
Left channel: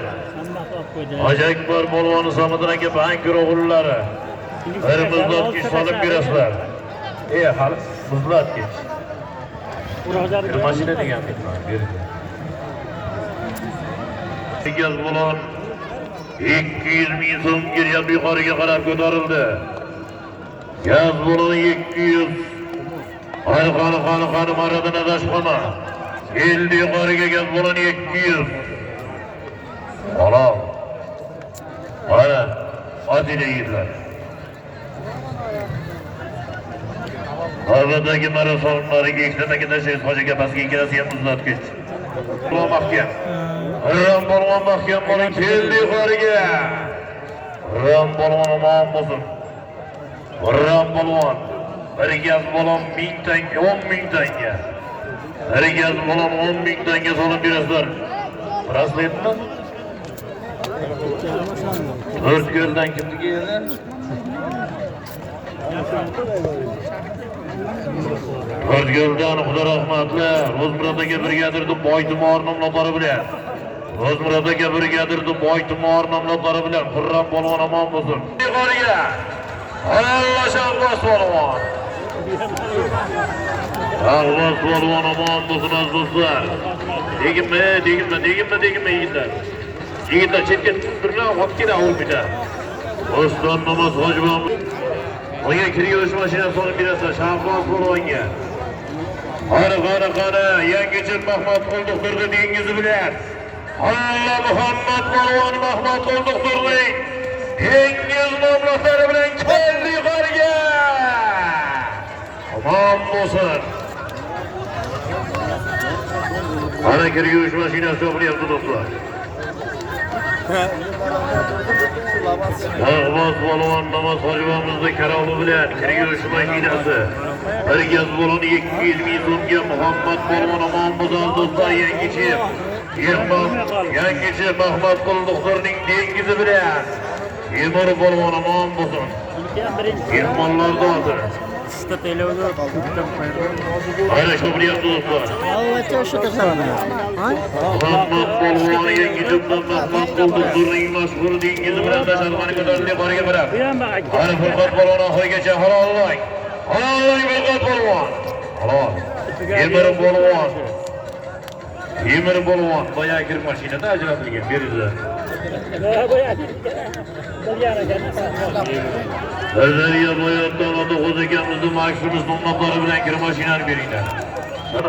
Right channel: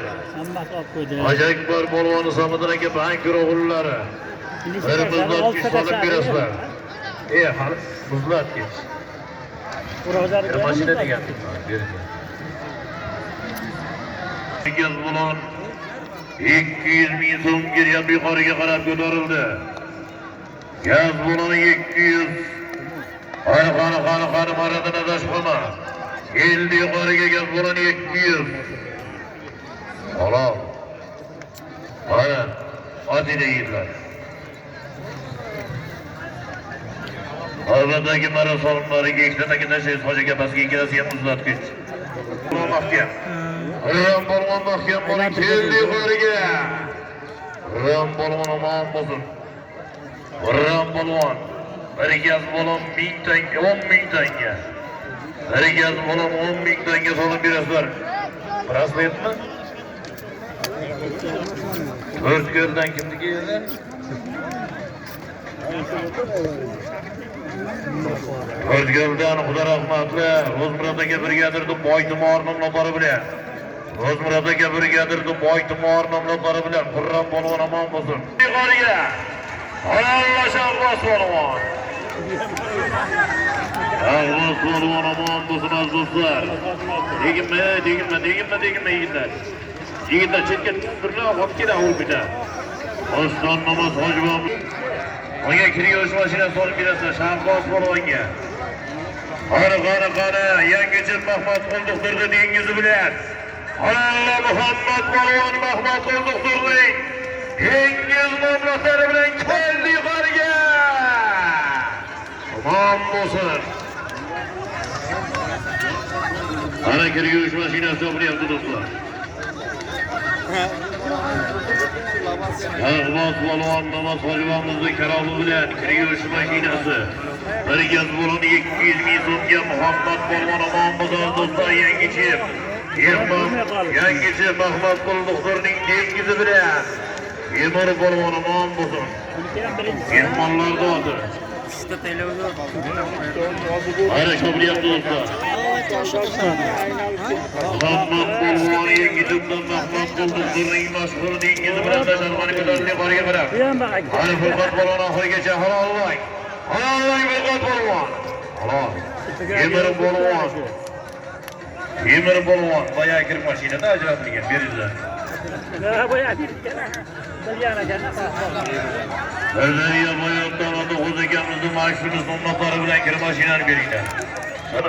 Hoji Akbar polvoni So'midagi bank o'g'illari. Bir muzlatgich solib berasizlar. Hali muzlatgich. Mashina degan. Gaz bulan 200 ming so'm kelgan yuqoriga qarab ko'tarildi. Gaz bulan 200. Qani maradan adashmama. Keldi yuqoriga gaz bulan 200. Halol. Mana oddiy yigitlar. Havadagi marosonlariga ikkitadagi nashiz hojiga pastga kelasiga muzlatgich. Mahkam. Ram polvon mahkam bo'ling keldi yuqoriga. Ram polvon omon bo'lsin. Ram polvon. Bir gaz bo'lon 1000 tanga, 10 ming tanga. Bir gaz bo'lon 10 ming tanga solib berasizlar. Raslayapmi? 4 ko'ldan kimniki edi? O'zguldan Xudo rahmatlar, Ro'zmurodaga brigadirdi Boytumor nomlari bilan. Ro'zmurodaga brigadirdi Boytumor nomlari bilan Qurram polvon omon bo'lsin. Yuqoriga. Alloh polvon. Allah polvon omon bo'lsin azizlar. Degimmi yigitlar. Yigitlar chetga turgan olib keladi bitta. Oston namoz hojibam. Menga kiryosh mashinasi olib berasizlar Shavkat polvonga. Qani, yangicha Mahmud Qo'ldoqturdi dengizi bilan. Allah Muhammad polvon Mahmud Qo'ldoqturning dengiz nomlari bilan keldi yuqoriga. Omon bo'lsin. Ana kiryosh mashinasi o'qiryapti do'stlar. Ahmad polvon namoz hojibamizning karomi bilan kiryosh mashinasi. Bir gaz bo'lon 200 ming so'mga Muhammad polvon omon bo'lsin do'stlar. Yangicha Mahmud Qo'ldoqturning dengizi bilan Temur polvon omon bo'lsin. Mehmonlarda o'tir. Ana shu bilyapti do'stlar. Muhammad polvon yangicha Mahmud Qo'ldoqturning mashhur dengizi bilan tasarrufini ko'tarilib boriga qarab. Ana Furqat polvon oxirigacha halollang. Furqat polvon. Halol. Temir polvon boya kirib mashinada ajratilgan berildi. Sirdaryo viloyatida o'zimizning mashhurimiz nomlari bilan kirib mashinani beringlar.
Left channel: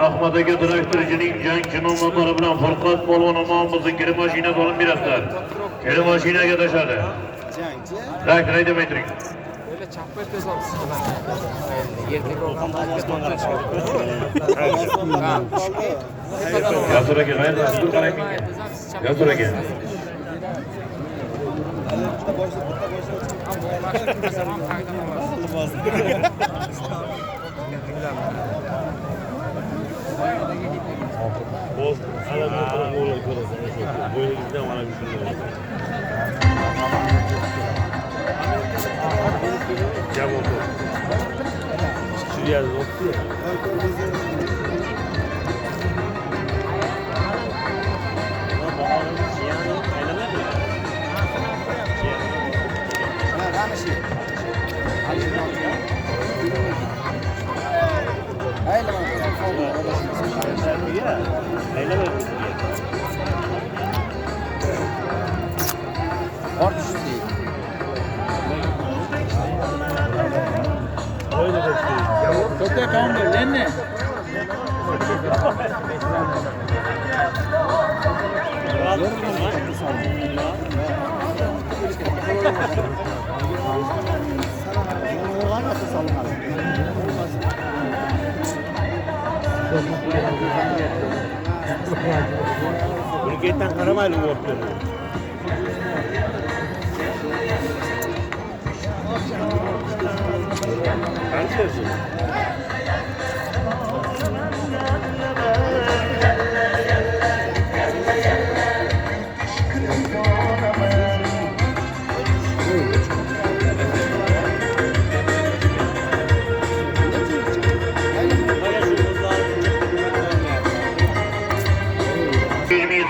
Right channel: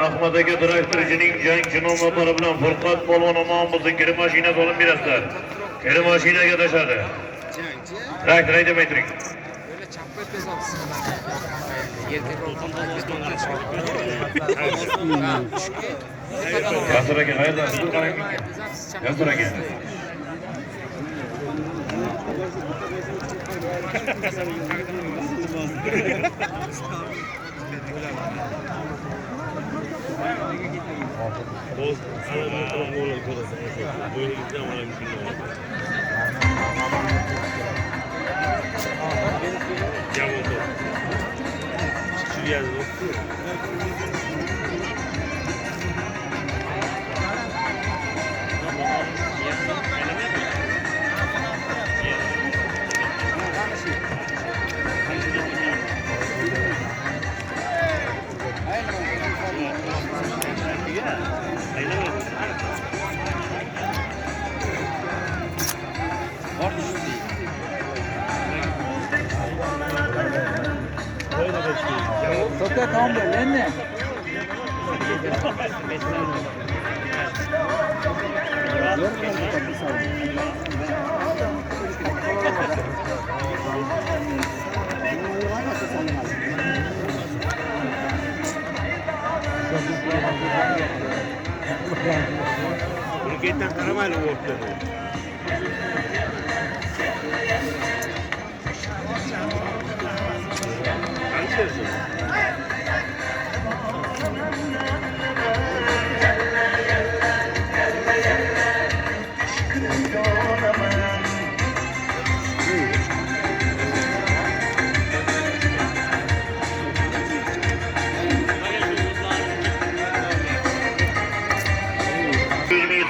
Ahmad aka traktorchining jangchi nomlari bilan Furqat polvon omon bo'lsin kirib mashina olib berasizlar. Kirib mashinaga tashadi. Traktor haydab aytiring. Yazır aka, hayırlı olsun, qarang menga. Yazır aka.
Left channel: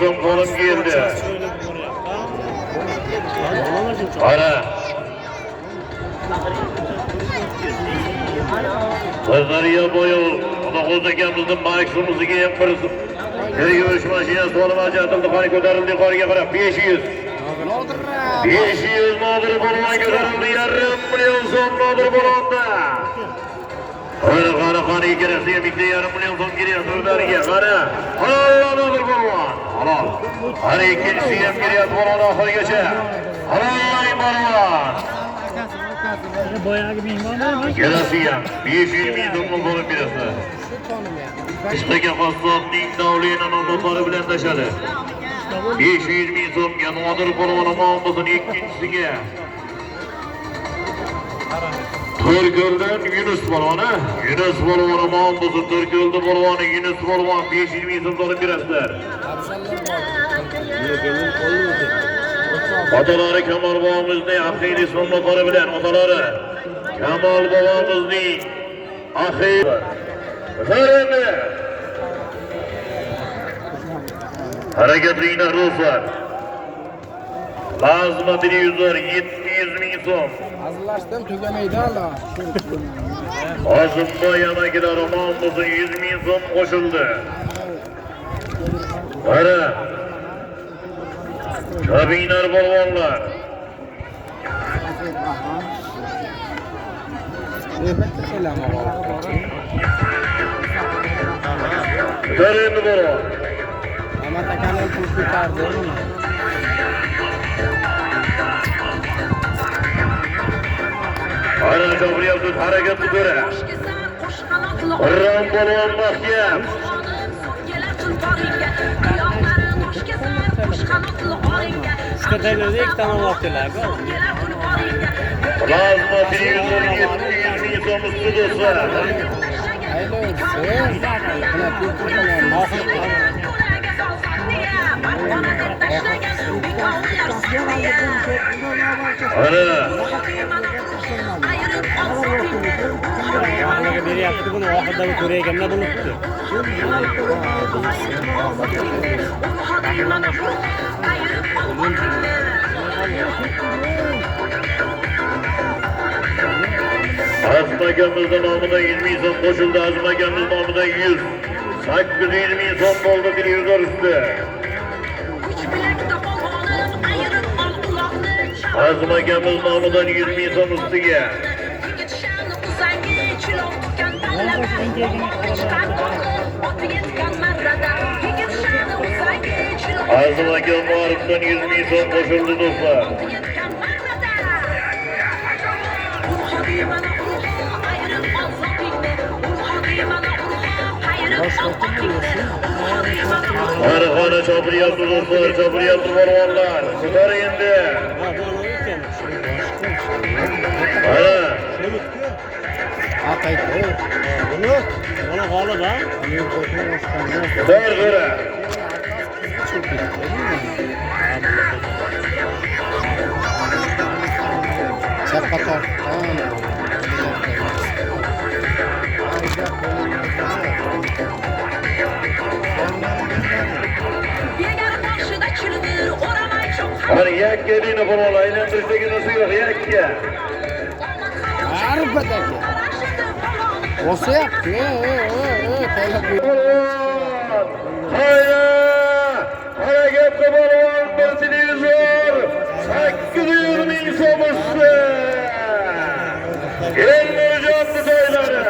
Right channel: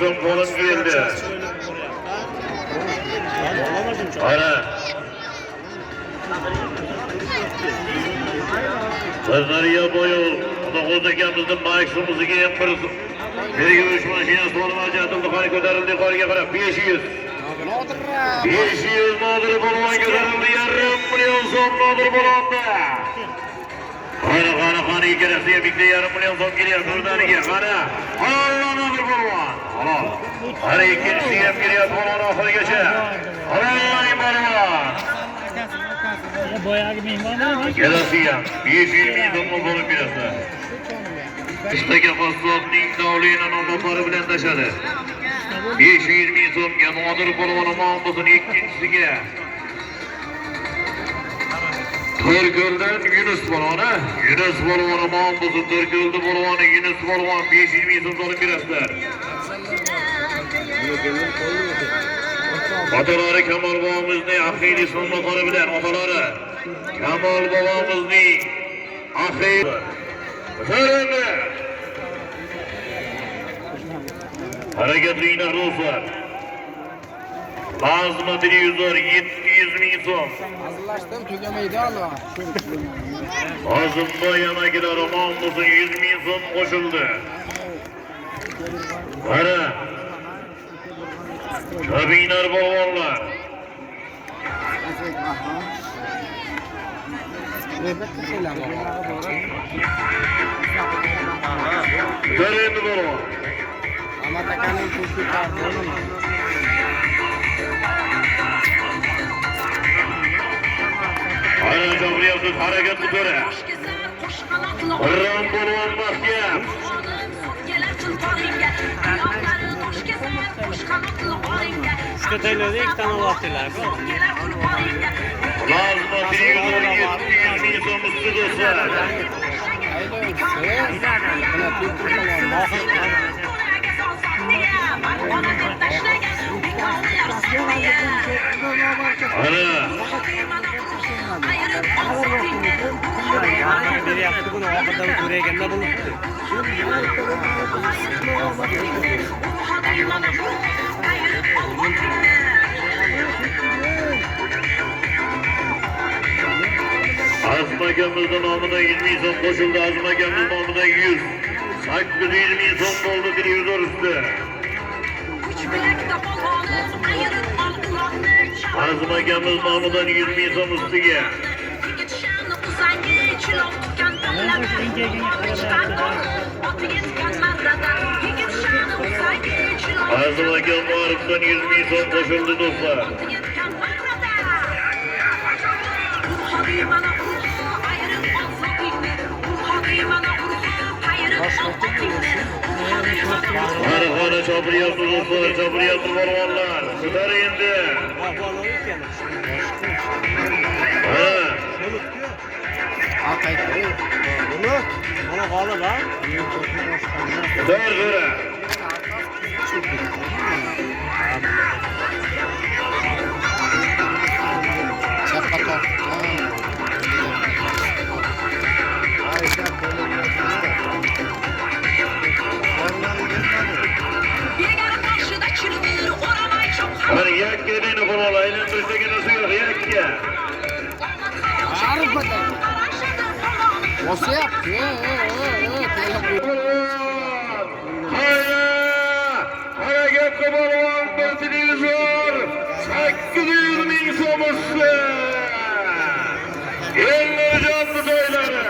Son kolum geldi. Ana. Kızlarıya boyu. Ona kozdakimizin maksimumuzu giyen kırılsın. Bir gümüş maşine soluma çatıldı. Hani kötürüldü yukarıya bırak. 500. 500 nodur buluna götürüldü. Yarım milyon son nodur bulundu. Öyle kanı ikeresiye birlikte yarım milyon son geliyor. Kızlarıya kanı. Allah nodur buluna. Allah. Hani ikincisi hem geliyor. Buluna ahır geçe. Allah'ın barılar. Geresiye. 500 milyon nodur birisi. İşte kafasının davlıyla onları bilen taşadı. 500 bin son yanıdır kolumunu mağabasın ikincisiga. Türköl'den Yunus balvanı. Yunus balvanı mağabasın Türköl'de balvanı Yunus balvan 500 bin son sonra birazlar. Ataları Kemal babamızın akıylı sonları bilen ataları. Kemal babamızın akıylı. Ferene. Hareketliğine ruhsar. Lazıma 100 var, 700 bin son. Hazırlaştım, tüylemeydi ama. Ağzımda yana gider namusun 100 bin son koşuldu. Hara. Çabiner balvanlar. Derin balvan. Ama tekanın kursu kardı. Hara çabır yaptık hareketli göre. Hırran balvan bakya. Üçte dönüyordu, iki tane vaktiler. Lazıma 100 bin son üstü dostlar. Biri yaptı bunu, o kadar buraya gelme bunu. Azmagemizden namına 20 son koşuldu. Azmagemizden namına 100. Sakkız 20 son oldu 100 üstü. Azmagemizden namından 20 son üstüge. Azmagem Marif'ten 20 son koşuldu dostlar. Arıqanı çapıriyatlı dostlar, çapıriyatlı varvarlar. Sıkar indi. Ha bu onu yıkamış. Ha. Akay koy. Bunu bana bağlı lan. Sıkar göre. Çakata. Hani yak geldiğini kurala, eğlendirse nasıl yok, yak ya. Arifa'daki. Olsa yaptı. Hareket kapalı, basınız var. Hakkılıyor insanımızı. Gelmeyeceğim bu dayıları.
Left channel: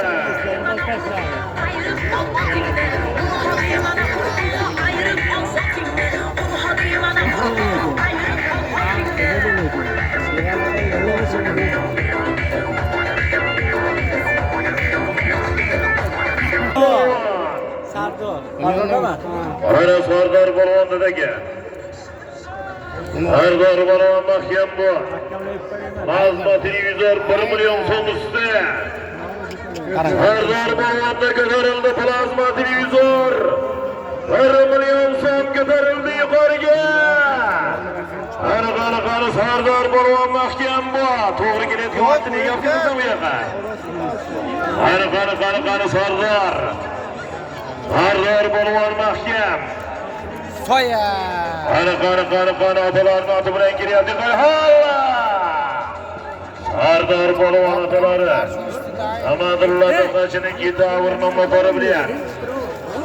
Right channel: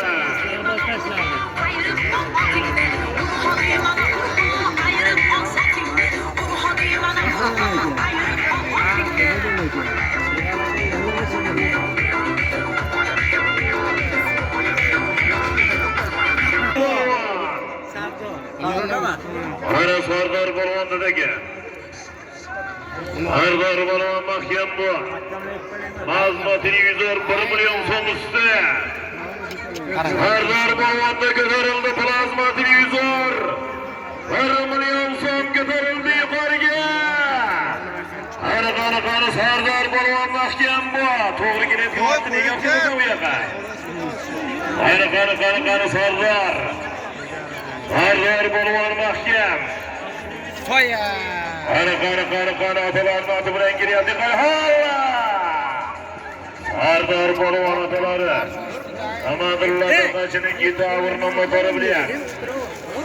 Sardı o. Orada mı? Ara Sardar Balvan'daki. Sardar Balvan mahkem bu. Mazmatini 1 milyon son üstü. Sardar Balvan'da götürüldü plazmatini 1 milyon son götürüldü yukarıya. Arı Sardar Balvan mahkem bu. Doğru gidip yuvatını yaptınız mı yaka? Arı Sardar. Sardar Balvan mahkem. Soya. Karı ataların atı bilen giriyor. Dikkat halla. Sardar Balvan ataları. Amadullah kaçını gidi avırma motoru bilen.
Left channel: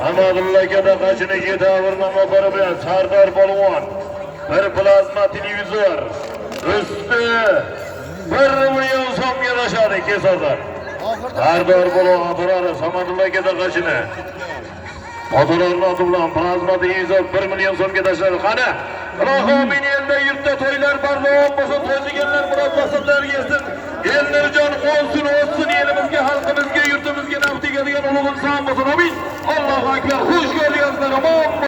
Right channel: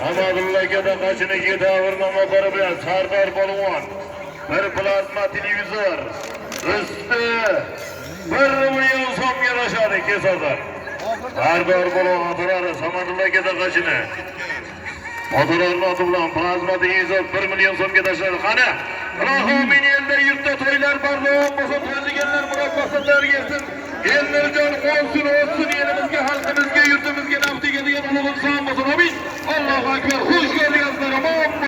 Amadullah da kaçını gidi avırma motoru bilen. Sardar Balvan. Bir plazma televizör. Üstü. 1 milyon som yanaşadı ki Sardar. Sardar Balvan ataları. Amadullah da kaçını. Odalarını atılan plazma televizör 1 milyon so'mga tashladi. Qani, Rahomin elda yurtda to'ylar barda bo'lmasa to'ydiganlar murabbasalar yesin. Ellarjon olsun elimizga, xalqimizga, yurtimizga naf tegadigan ulug' inson bo'lsin. Amin. Allohu akbar. Xush keldingsizlar. Omon